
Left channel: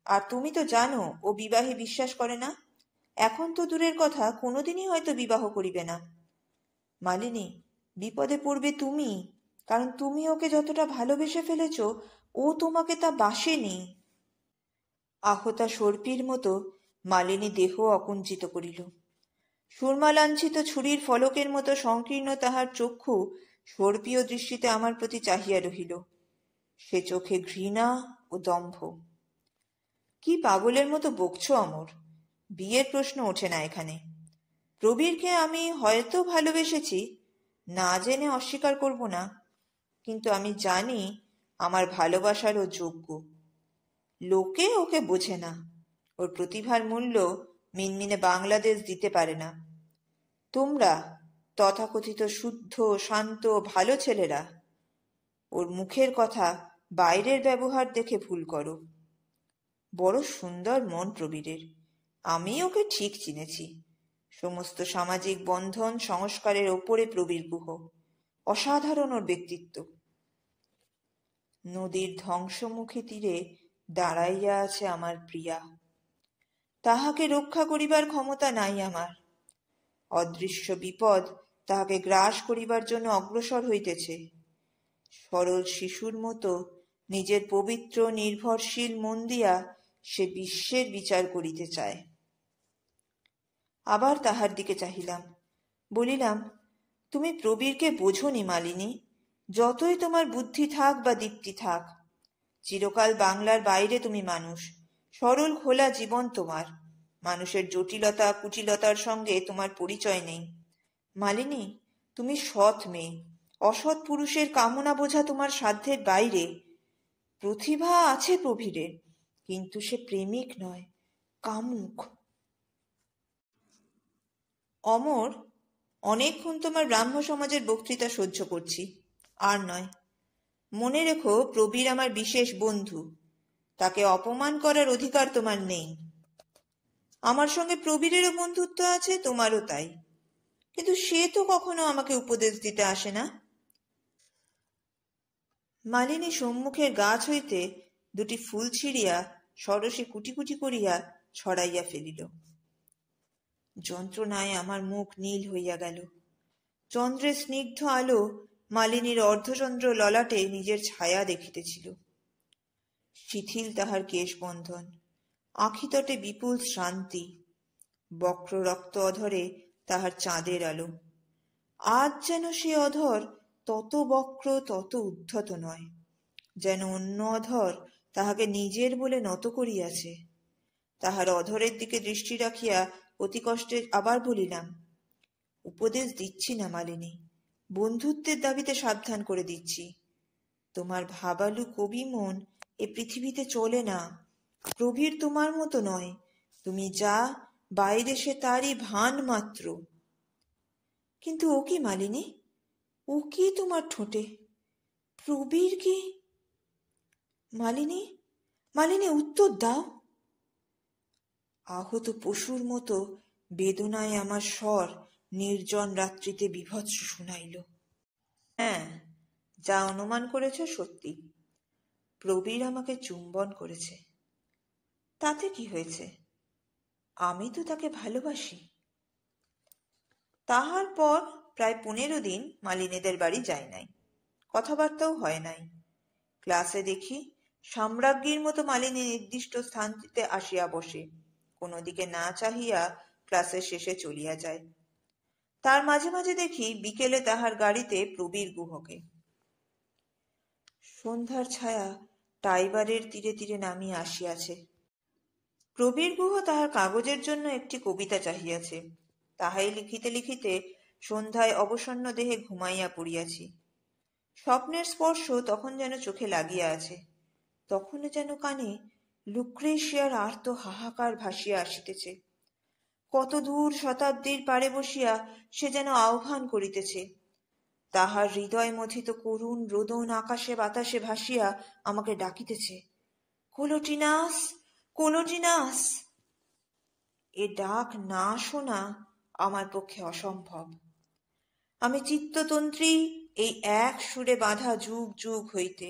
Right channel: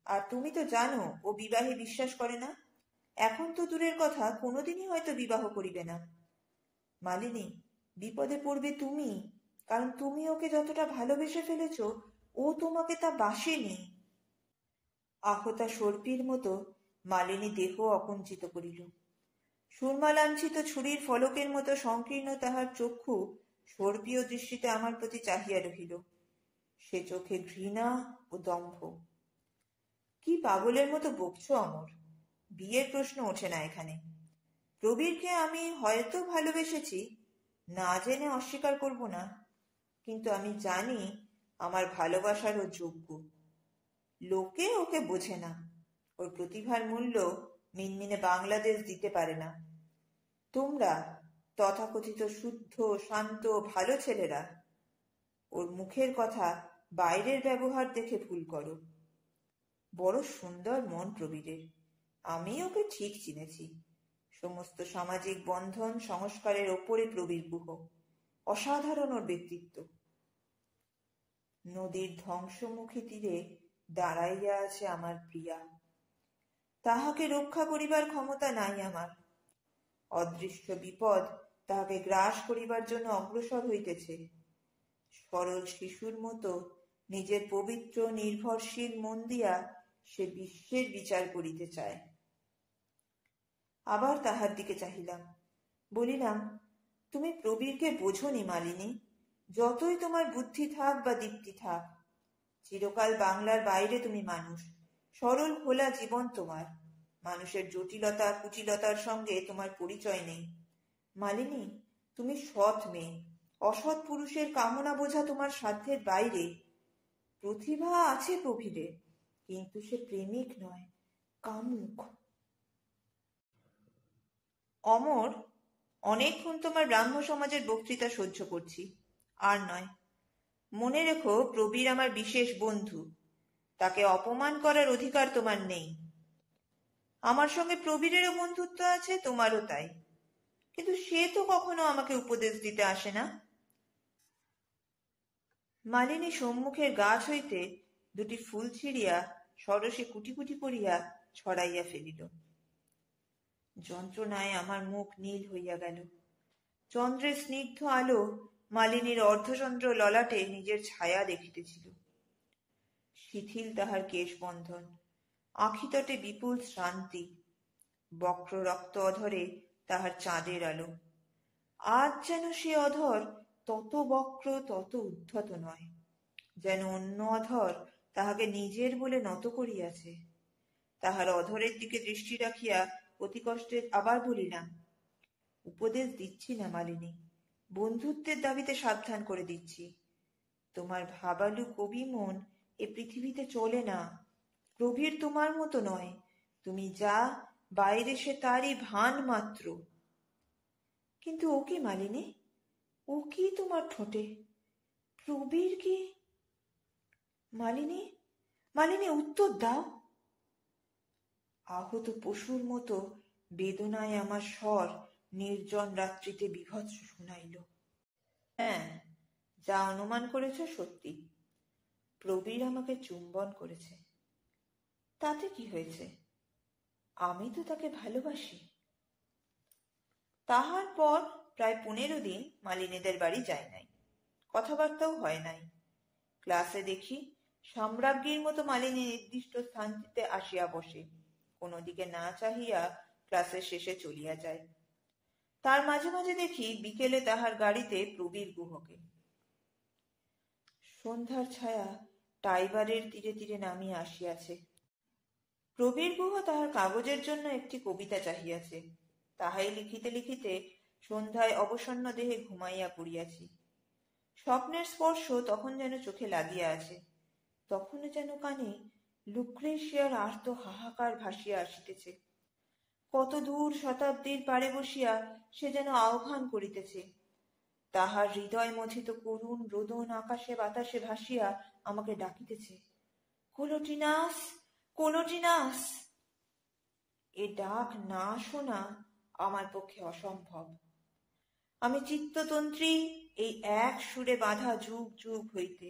আর তুমি তো জানো ও বিবাহে বিশ্বাস করে না। এখন তো দূরের কথা, কোনোদিনই হয়তো বিবাহ করিবে না। মালিনী, বিপদে পড়বে তুমি, কারণ তুমি ওকে যতটা ভালোবেসে ফেলেছ, ও তোমাকে তা বাসেনি। আহতা সর্পির মতো মালিনী দেহ অকুঞ্চিত করিল। সুরমালাঞ্ছিত ছুরির ফলকের মতো সংকীর্ণ তাহার চক্ষু সর্পীয় দৃষ্টিতে আমার প্রতি চাহিয়া রহিল। সে চোখে ঘৃণা ও দম্ভ। কি পাগলের মতো বকছ অমর? বিয়ের প্রশ্ন ওঠে না এখানে। প্রবীরকে আমি হয়তো ভালোবেসেছি, না জেনে অস্বীকার করব না, কিন্তু আমি জানি আমার ভালোবাসার ও যোগ্য। লোকে ওকে বোঝে না, ওর প্রতিভার মূল্য মিনমিনে বাংলাদেশ দিতে পারে না। তোমরা তথাকথিত শুদ্ধ, শান্ত, ভালো ছেলেরা ওর মুখের কথা, বাইরের ব্যবহার দেখে ভুল করো। বড় সুন্দর মন প্রবীরের, আমি ওকে ঠিক চিনেছি। সমস্ত সামাজিক বন্ধন সংস্কারের ওপরে প্রবীর গুহ, অসাধারণ ওর ব্যক্তিত্ব। নদীর ধ্বংসমুখী তীরে দাঁড়াইয়া আছে আমার প্রিয়া, তাহাকে রক্ষা করিবার ক্ষমতা নাই আমার। অদৃশ্য বিপদ তাহাকে গ্রাস করিবার জন্য অগ্রসর হইতেছে। সরল শিশুর মতো নিজের পবিত্র নির্ভরশীল মন দিয়া সে বিশ্বের বিচার করিতে চায়। আবার তাহার দিকে চাহিলাম, বলিলাম, তুমি প্রবীরকে বোঝনি মালিনী। যতই তোমার বুদ্ধি থাক বা দীপ্তি থাক, চিরকাল বাংলার বাইরে তুমি মানুষ। সরল খোলা জীবন তোমার, মানুষের জটিলতা কুটিলতার সঙ্গে তোমার পরিচয় নেই। মালিনী, তুমি সৎ মেয়ে, অসৎ পুরুষের কামনা বোঝা তোমার সাধ্যের বাইরে। প্রতিভা আছে প্রবীরের, কিন্তু সে প্রেমিক নয়, কামুক। অমর, অনেকক্ষণ তোমার ব্রাহ্ম সমাজের বক্তৃতা সহ্য করছি, আর নয়। মনে রেখো, প্রবীর আমার বিশেষ বন্ধু, তাকে অপমান করার অধিকার তোমার নেই। আমার সঙ্গে প্রবীরেরও বন্ধুত্ব আছে, তোমারও তাই, কিন্তু সে তো কখনো আমাকে উপদেশ দিতে আসে না। মালিনী সম্মুখের গাছ হইতে দুটি ফুল ছিঁড়িয়া সরসে কুটি কুটি করিয়া ছড়াইয়া ফেলিল। যন্ত্রণায় আমার মুখ নীল হইয়া গেল। চন্দ্রের স্নিগ্ধ আলো মালিনীর অর্ধচন্দ্র ললাটে নিজের ছায়া দেখিতেছিল। শিথিল তাহার কেশবন্ধন, আঁখিতটে বিপুল শ্রান্তি, বক্র রক্ত অধরে তাহার চাঁদের আলো। আজ যেন সে অধর তত বক্র, তত উদ্ধত নয়, যেন অন্য অধর তাহাকে নিজের বলে নত করিয়াছে। তাহার অধরের দিকে দৃষ্টি রাখিয়া অতি কষ্টে আবার বলিলাম, উপদেশ দিচ্ছি না মালিনী, বন্ধুত্বের দাবিতে সাবধান করে দিচ্ছি। তোমার ভাবালু কবি মন এ পৃথিবীতে চলে না। প্রবীর তোমার মতো নয়, তুমি যা বাইরে সে তারই ভান মাত্র। কিন্তু ও কি মালিনী, ও কি তোমার ঠোঁটে? প্রবীর কি? মালিনী, মালিনী, উত্তর দাও। আহত পশুর মতো বেদনায় আমার স্বর নির্জন রাত্রিতে বিভৎস শুনাইল। হ্যাঁ, যা অনুমান করেছ সত্যি। প্রবীর আমাকে চুম্বন করেছে, তাতে কি হয়েছে? আমি তো তাকে ভালোবাসি। তাহার পর প্রায় 15 দিন মালিনীদের বাড়ি যায় নাই, কথাবার্তাও হয় নাই। ক্লাসে দেখি সম্রাজ্ঞীর মতো মালিনী নির্দিষ্ট স্থানটিতে আসিয়া বসে, কোনো দিকে না চাহিয়া ক্লাসের শেষে চলিয়া যায়। তার মাঝে মাঝে দেখি বিকেলে তাহার গাড়িতে প্রবীর গুহকে। সন্ধ্যার ছায়া টাইবারের তীরে তীরে নামিয়া আসিয়াছে। প্রবীর গুহ তাহার কাগজের জন্য একটি কবিতা চাহিয়াছে, তাহাই লিখিতে লিখিতে সন্ধ্যায় অবসন্ন দেহে ঘুমাইয়া পড়িয়াছি। স্বপ্নের স্পর্শ তখন যেন চোখে লাগিয়া আছে, তখন যেন কানে লুক্রেশিয়ার আর্ত হাহাকার ভাসিয়া আসিতেছে। কত দূর শতাব্দীর পারে বসিয়া সে যেন আহ্বান করিতেছে। তাহার হৃদয় মথিত করুণ রোদন আকাশে বাতাসে ভাসিয়া আমাকে ডাকিতেছে, কোলোটিনাস, কোলোটিনাস। এ ডাক না শোনা আমার পক্ষে অসম্ভব। আমি চিত্ততন্ত্রী এই এক সুরে বাঁধা যুগ যুগ হইতে।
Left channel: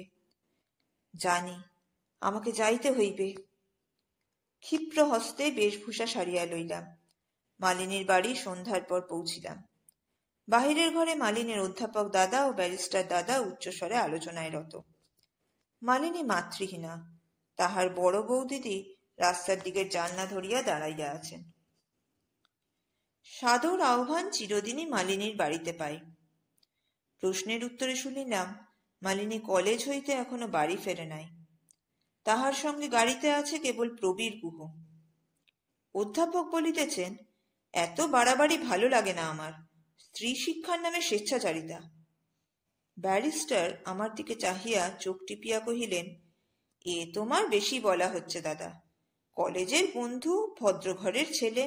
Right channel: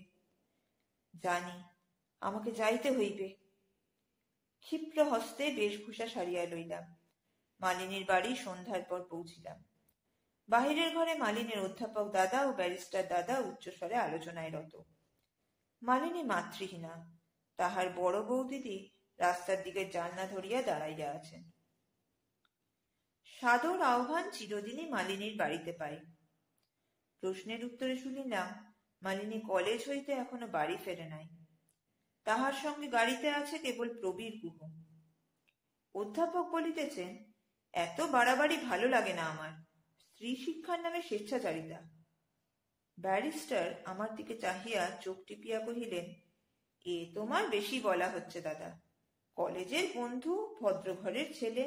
জানি আমাকে যাইতে হইবে। ক্ষিপ্র হস্তে বেশভূষা সারিয়া লইলাম। মালিনীর বাড়ি সন্ধ্যার পর পৌঁছিলাম। বাহিরের ঘরে মালিনীর অধ্যাপক দাদা ও ব্যারিস্টার দাদা উচ্চস্বরে আলোচনায় রত। মালিনী মাতৃহীনা, তাহার বড় বৌদিদি রাস্তার দিকে জানলা ধরিয়া দাঁড়াইয়া আছেন। সাদর আহ্বান চিরদিনই মালিনীর বাড়িতে পাই। প্রশ্নের উত্তরে শুনিলাম মালিনী কলেজ হইতে এখনো বাড়ি ফেরে নাই। তাহার সঙ্গে গাড়িতে আছে কেবল প্রবীর গুহ। অধ্যাপক বলিতেছেন, এত বাড়াবাড়ি ভালো লাগে না আমার, স্ত্রী শিক্ষার নামে স্বেচ্ছাচারিতা। ব্যারিস্টার আমার দিকে চাহিয়া চোখ টিপিয়া কহিলেন, এ তোমার বেশি বলা হচ্ছে দাদা। কলেজের বন্ধু, ভদ্রঘরের ছেলে,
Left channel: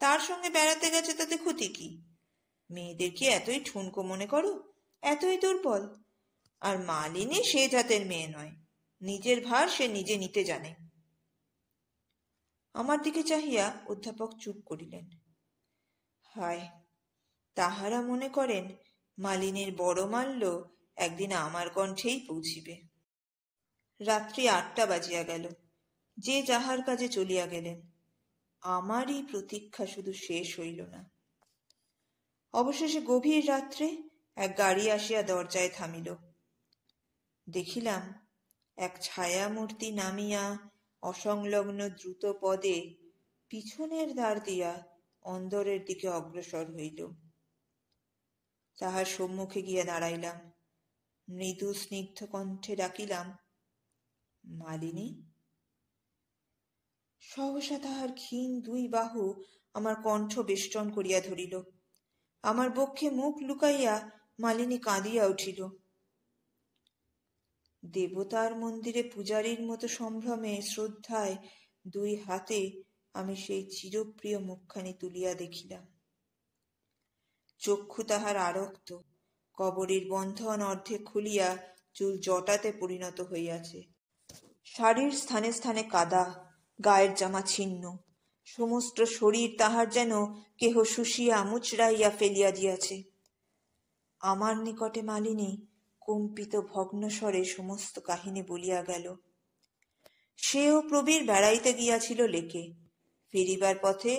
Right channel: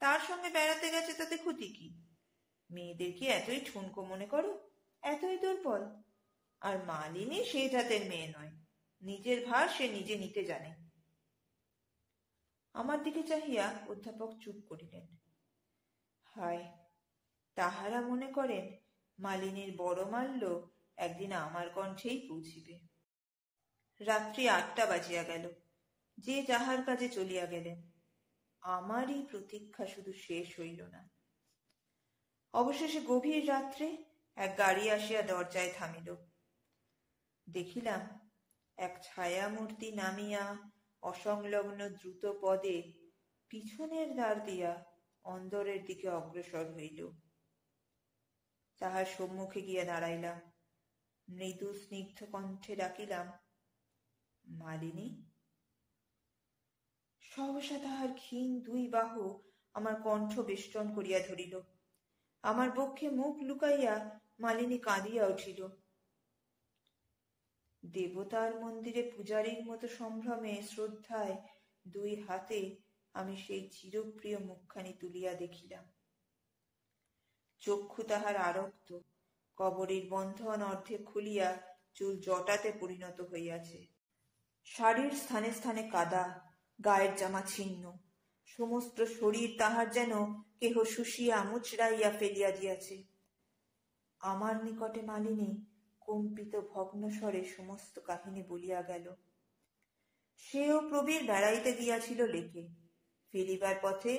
তার সঙ্গে বেড়াতে গেছে তাতে ক্ষতি কি? মেয়েদের কি এতই ঠুনকো মনে করো, এতই দুর্বল? আর মালিনী সে জাতের মেয়ে নয়, নিজের ভার সে নিজে নিতে জানে। আমার দিকে চাহিয়া অধ্যাপক চুপ করিলেন। হায়, তাহারা মনে করেন মালিনীর বড় মাল্য একদিন আমার কণ্ঠেই পৌঁছিবে। রাত্রি ৮টা বাজিয়া গেল। যে যাহার কাজে চলিয়া গেলেন। আমারই প্রতীক্ষা শুধু শেষ হইল না। অবশেষে গভীর রাত্রে এক গাড়ি আসিয়া দরজায় থামিল। দেখিলাম এক ছায়ামূর্তি নামিয়া অসংলগ্ন দ্রুত পদে পিছনের দ্বার দিয়া অন্দরের দিকে অগ্রসর হইল। তাহার সম্মুখে গিয়া দাঁড়াইলাম। মৃদু স্নিগ্ধ কণ্ঠে ডাকিলাম, মালিনী। সহসা তাহার ক্ষীণ দুই বাহু আমার কণ্ঠ বেষ্টন করিয়া ধরিল। আমার বক্ষে মুখ লুকাইয়া মালিনী কাঁদিয়া উঠিল। দেবতার মন্দিরে পূজারীর মতো সম্ভ্রমে শ্রদ্ধায় দুই হাতে আমি সেই চিরপ্রিয় মুখখানি তুলিয়া দেখিলাম। চক্ষু তাহার আরক্ত, কবরীর বন্ধন অর্ধেক খুলিয়া চুল জটাতে পরিণত হইয়াছে। শাড়ির স্থানে স্থানে কাদা, গায়ের জামা ছিন্ন, সমস্ত শরীর তাহার যেন কেহ শুষিয়া মুচড়াইয়া ফেলিয়া দিয়াছে। আমার নিকটে মালিনী কম্পিত ভগ্নস্বরে সমস্ত কাহিনী বলিয়া গেল। সেও প্রবীর বেড়াইতে গিয়াছিল লেকে। ফিরিবার পথে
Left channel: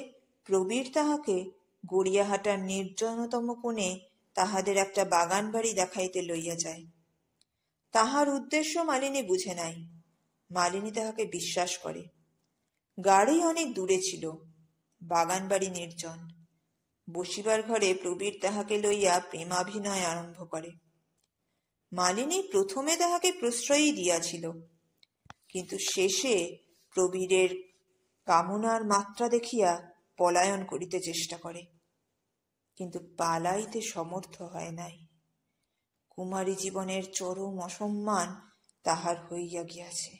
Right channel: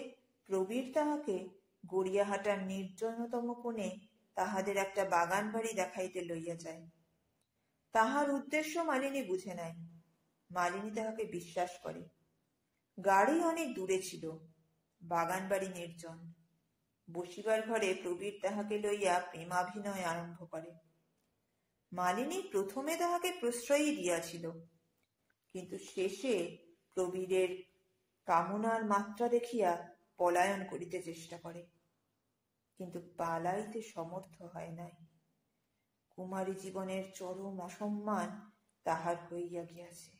প্রবীর তাহাকে গড়িয়াহাটার নির্জনতম কোণে তাহাদের একটা বাগান বাড়ি দেখাইতে লইয়া যায়। তাহার উদ্দেশ্য মালিনী বুঝে নাই। মালিনী তাহাকে বিশ্বাস করে। গাড়ি অনেক দূরে ছিল, বাগান বাড়ি নির্জন। বসিবার ঘরে প্রবীর তাহাকে লইয়া প্রেমাভিনয় আরম্ভ করে। মালিনী প্রথমে তাহাকে প্রশ্রয়ই দিয়াছিল, কিন্তু শেষে প্রবীরের কামনার মাত্রা দেখিয়া পলায়ন করিতে চেষ্টা করে, কিন্তু পালাইতে সমর্থ হয় নাই। কুমারী জীবনের চরম অসম্মান তাহার হইয়া গিয়াছে।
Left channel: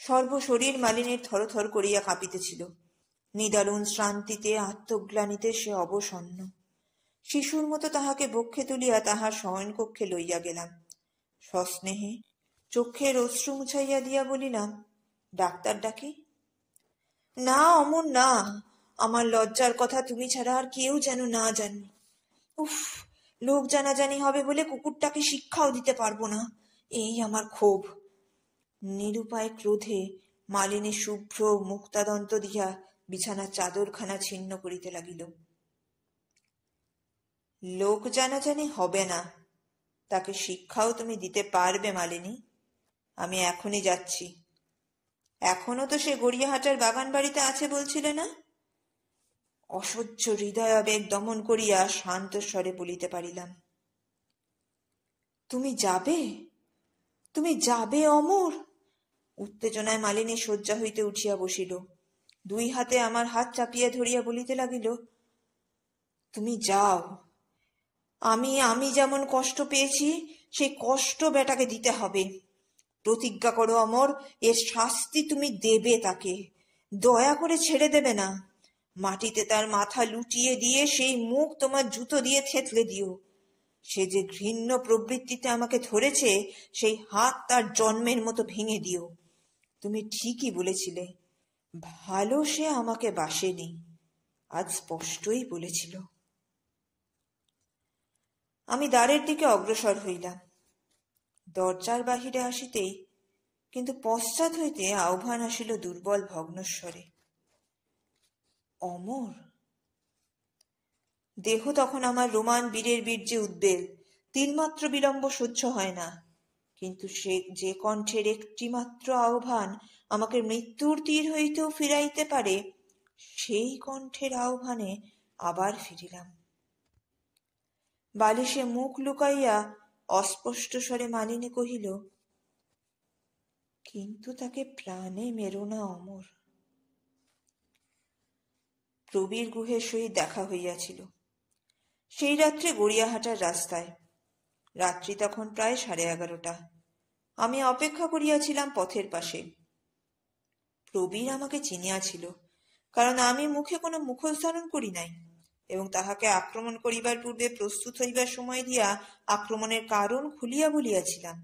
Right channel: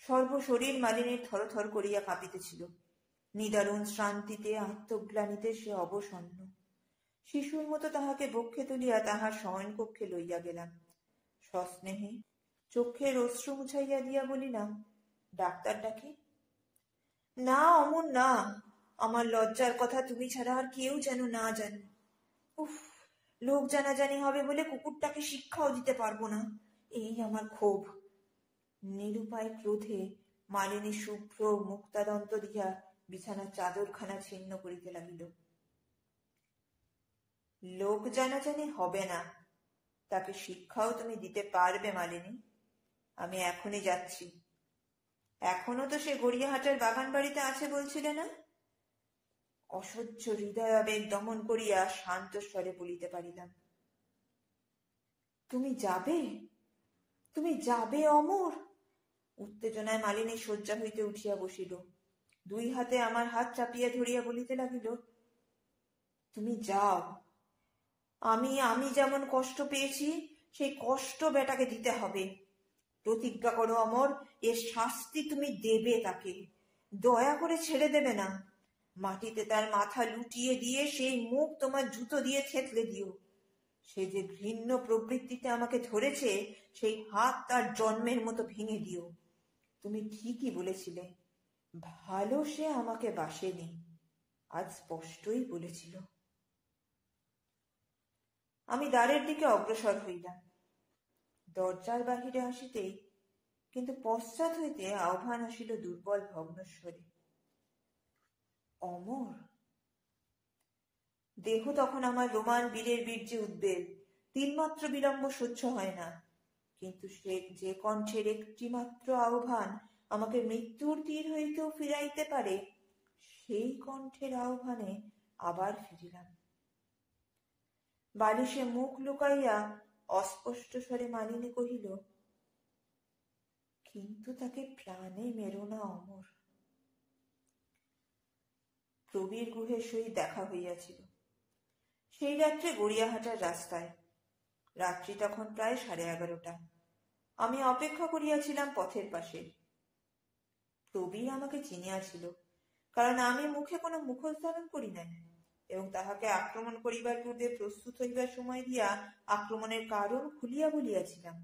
সর্বশরীর মালিনীর থরথর করিয়া কাঁপিতেছিল। নিদারুণ শ্রান্তিতে, আত্মগ্লানিতে সে অবসন্ন। শিশুর মতো তাহাকে বক্ষে তুলিয়া তাহার শয়নকক্ষে লইয়া গেলাম। সস্নেহে চক্ষের অশ্রু মুছাইয়া দিয়া বলিলাম, ডাক্তার ডাকি? না অমর না, আমার লজ্জার কথা তুমি ছাড়া আর কেউ যেন না জানি। উফ, লোক জানাজানি হবে বলে কুকুরটাকে শিক্ষাও দিতে পারবো না, এই আমার ক্ষোভ। নিরুপায় ক্রোধে মালিনী শুভ্র মুক্তাদন্ত দিয়া বিছানার চাদরখানা ছিন্ন করিতে লাগিল। লোক জানাজানি হবে না, তাকে শিক্ষাও তুমি দিতে পারবে মালিনী। আমি এখনই যাচ্ছি। এখনো তো সে গড়িয়াহাটার বাগান বাড়িতে আছে বলছিলে না? অসহ্য হৃদয়াবেগ দমন করিয়া শান্ত স্বরে বলিতে পারিলাম, তুমি যাবে? তুমি যাবে অমর? উত্তেজনায় মালিনী শয্যা হইতে উঠিয়া বসিল। দুই হাতে আমার হাত চাপিয়া ধরিয়া বলিতে লাগিল, তুমি যাও। আমি যেমন কষ্ট পেয়েছি সেই কষ্ট বেটাকে দিতে হবে। প্রতিজ্ঞা করো অমর, এর শাস্তি তুমি দেবে তাকে, দয়া করে ছেড়ে দেবে না। মাটিতে তার মাথা লুটিয়ে দিয়ে সেই মুখ তোমার জুতো দিয়ে থেতলে দিও। সে যে ঘৃণ্য প্রবৃত্তিতে আমাকে ধরেছে সেই হাত তার জন্মের মতো ভেঙে দিও। তুমি ঠিকই বলেছিলে, ভালো সে আমাকে বাসেনি, আজ স্পষ্টই বলেছিল। আমি দ্বারের দিকে অগ্রসর হইলাম। দরজার বাহিরে আসিতেই কিন্তু পশ্চাৎ হইতে আহ্বান আসিল দুর্বল ভগ্নস্বরে, অমর। দেহ তখন আমার রোমান বীরের বীর্যে উদ্বেল, তিলমাত্র বিলম্ব সহ্য হয় না। কিন্তু সে যে কণ্ঠের একটিমাত্র আহ্বান আমাকে মৃত্যুর তীর হইতেও ফিরাইতে পারে, সেই কণ্ঠের আহ্বানে আবার ফিরিলাম। বালিশে মুখ লুকাইয়া অস্পষ্ট স্বরে মালিনী কহিল, কিন্তু তাকে প্রাণে মেরো না অমর। প্রবীর গুহের সহিত দেখা হইয়াছিল সেই রাত্রে গড়িয়াহাটার রাস্তায়। রাত্রি তখন প্রায় 11:30। আমি অপেক্ষা করিয়াছিলাম পথের পাশে। প্রবীর আমাকে চিনিয়াছিল, কারণ আমি মুখে কোনো মুখোশ ধারণ করি নাই এবং তাহাকে আক্রমণ করিবার পূর্বে প্রস্তুত হইবার সময় দিয়া আক্রমণের কারণ খুলিয়া বলিয়াছিলাম।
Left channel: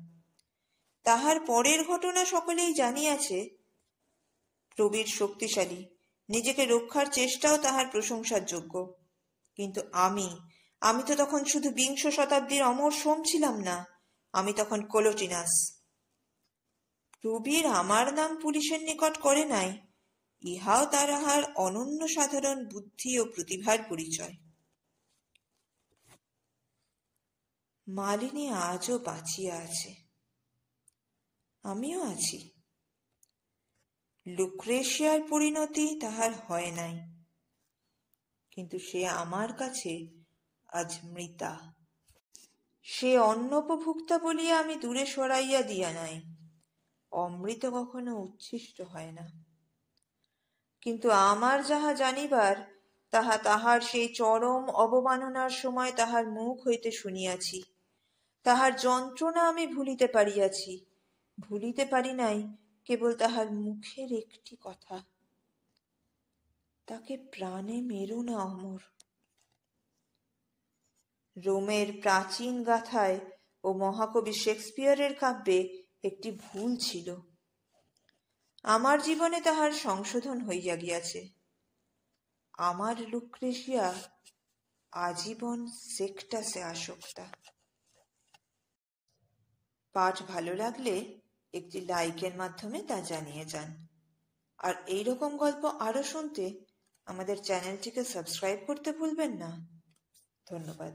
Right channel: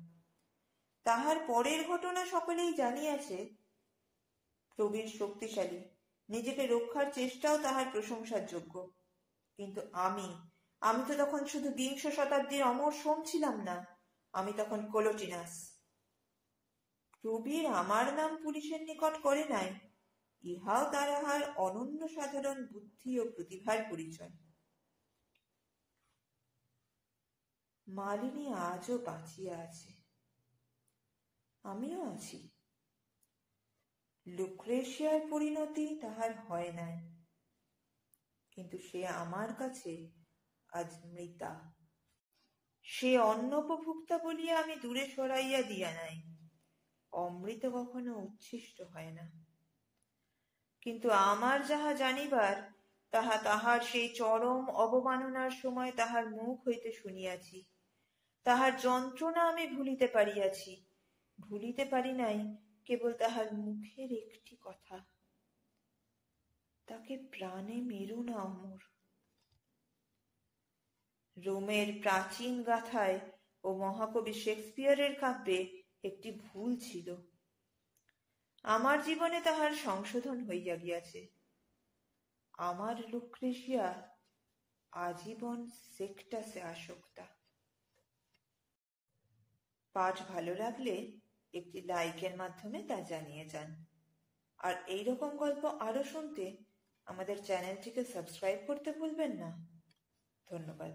তাহার পরের ঘটনা সকলেই জানিয়াছে। প্রবীর শক্তিশালী, নিজেকে রক্ষার চেষ্টাও তাহার প্রশংসার যোগ্য। কিন্তু আমি তো তখন শুধু 20 শতাব্দীর অমর সোম ছিলাম না, আমি তখন কোলোটিনাস। প্রবীর আমার নাম পুলিশের নিকট করে নাই, ইহাও তাহার অনন্য সাধারণ বুদ্ধি ও প্রতিভার পরিচয়। মালিনী আজও বাঁচিয়া আছে, আমিও আছি। লুক্রেশিয়ার পরিণতি তাহার হয় নাই, কিন্তু সে আমার কাছে আজ মৃতা। সে অন্নপভুক্তা বলিয়া আমি দূরে সরাইয়া দিয়া নাই। অমৃত কখনো উচ্ছিষ্ট হয় না। কিন্তু আমার যাহা জানিবার, তাহা তাহার সেই চরম অবমাননার সময় তাহার মুখ হইতে শুনিয়াছি। তাহার যন্ত্রণা আমি ভুলিতে পারিয়াছি, ভুলিতে পারি নাই কেবল তাহার মুখের একটি কথা, তাকে প্রাণে মেরো না অমর। রোমের প্রাচীন গাথায় ও মহাকবি শেক্সপিয়ারের কাব্যে একটি ভুল ছিল, আমার জীবনে তাহার সংশোধন হইয়া গিয়াছে। আমার লুক্রেশিয়া আজীবন সেক্টাসে আসক্তা। পাঠ ভালো লাগলে একটি লাইকের মাধ্যমে তা জানিয়ে যান। আর এইরকম গল্প আরো শুনতে আমাদের চ্যানেলটিকে সাবস্ক্রাইব করতে ভুলবেন না। ধন্যবাদ।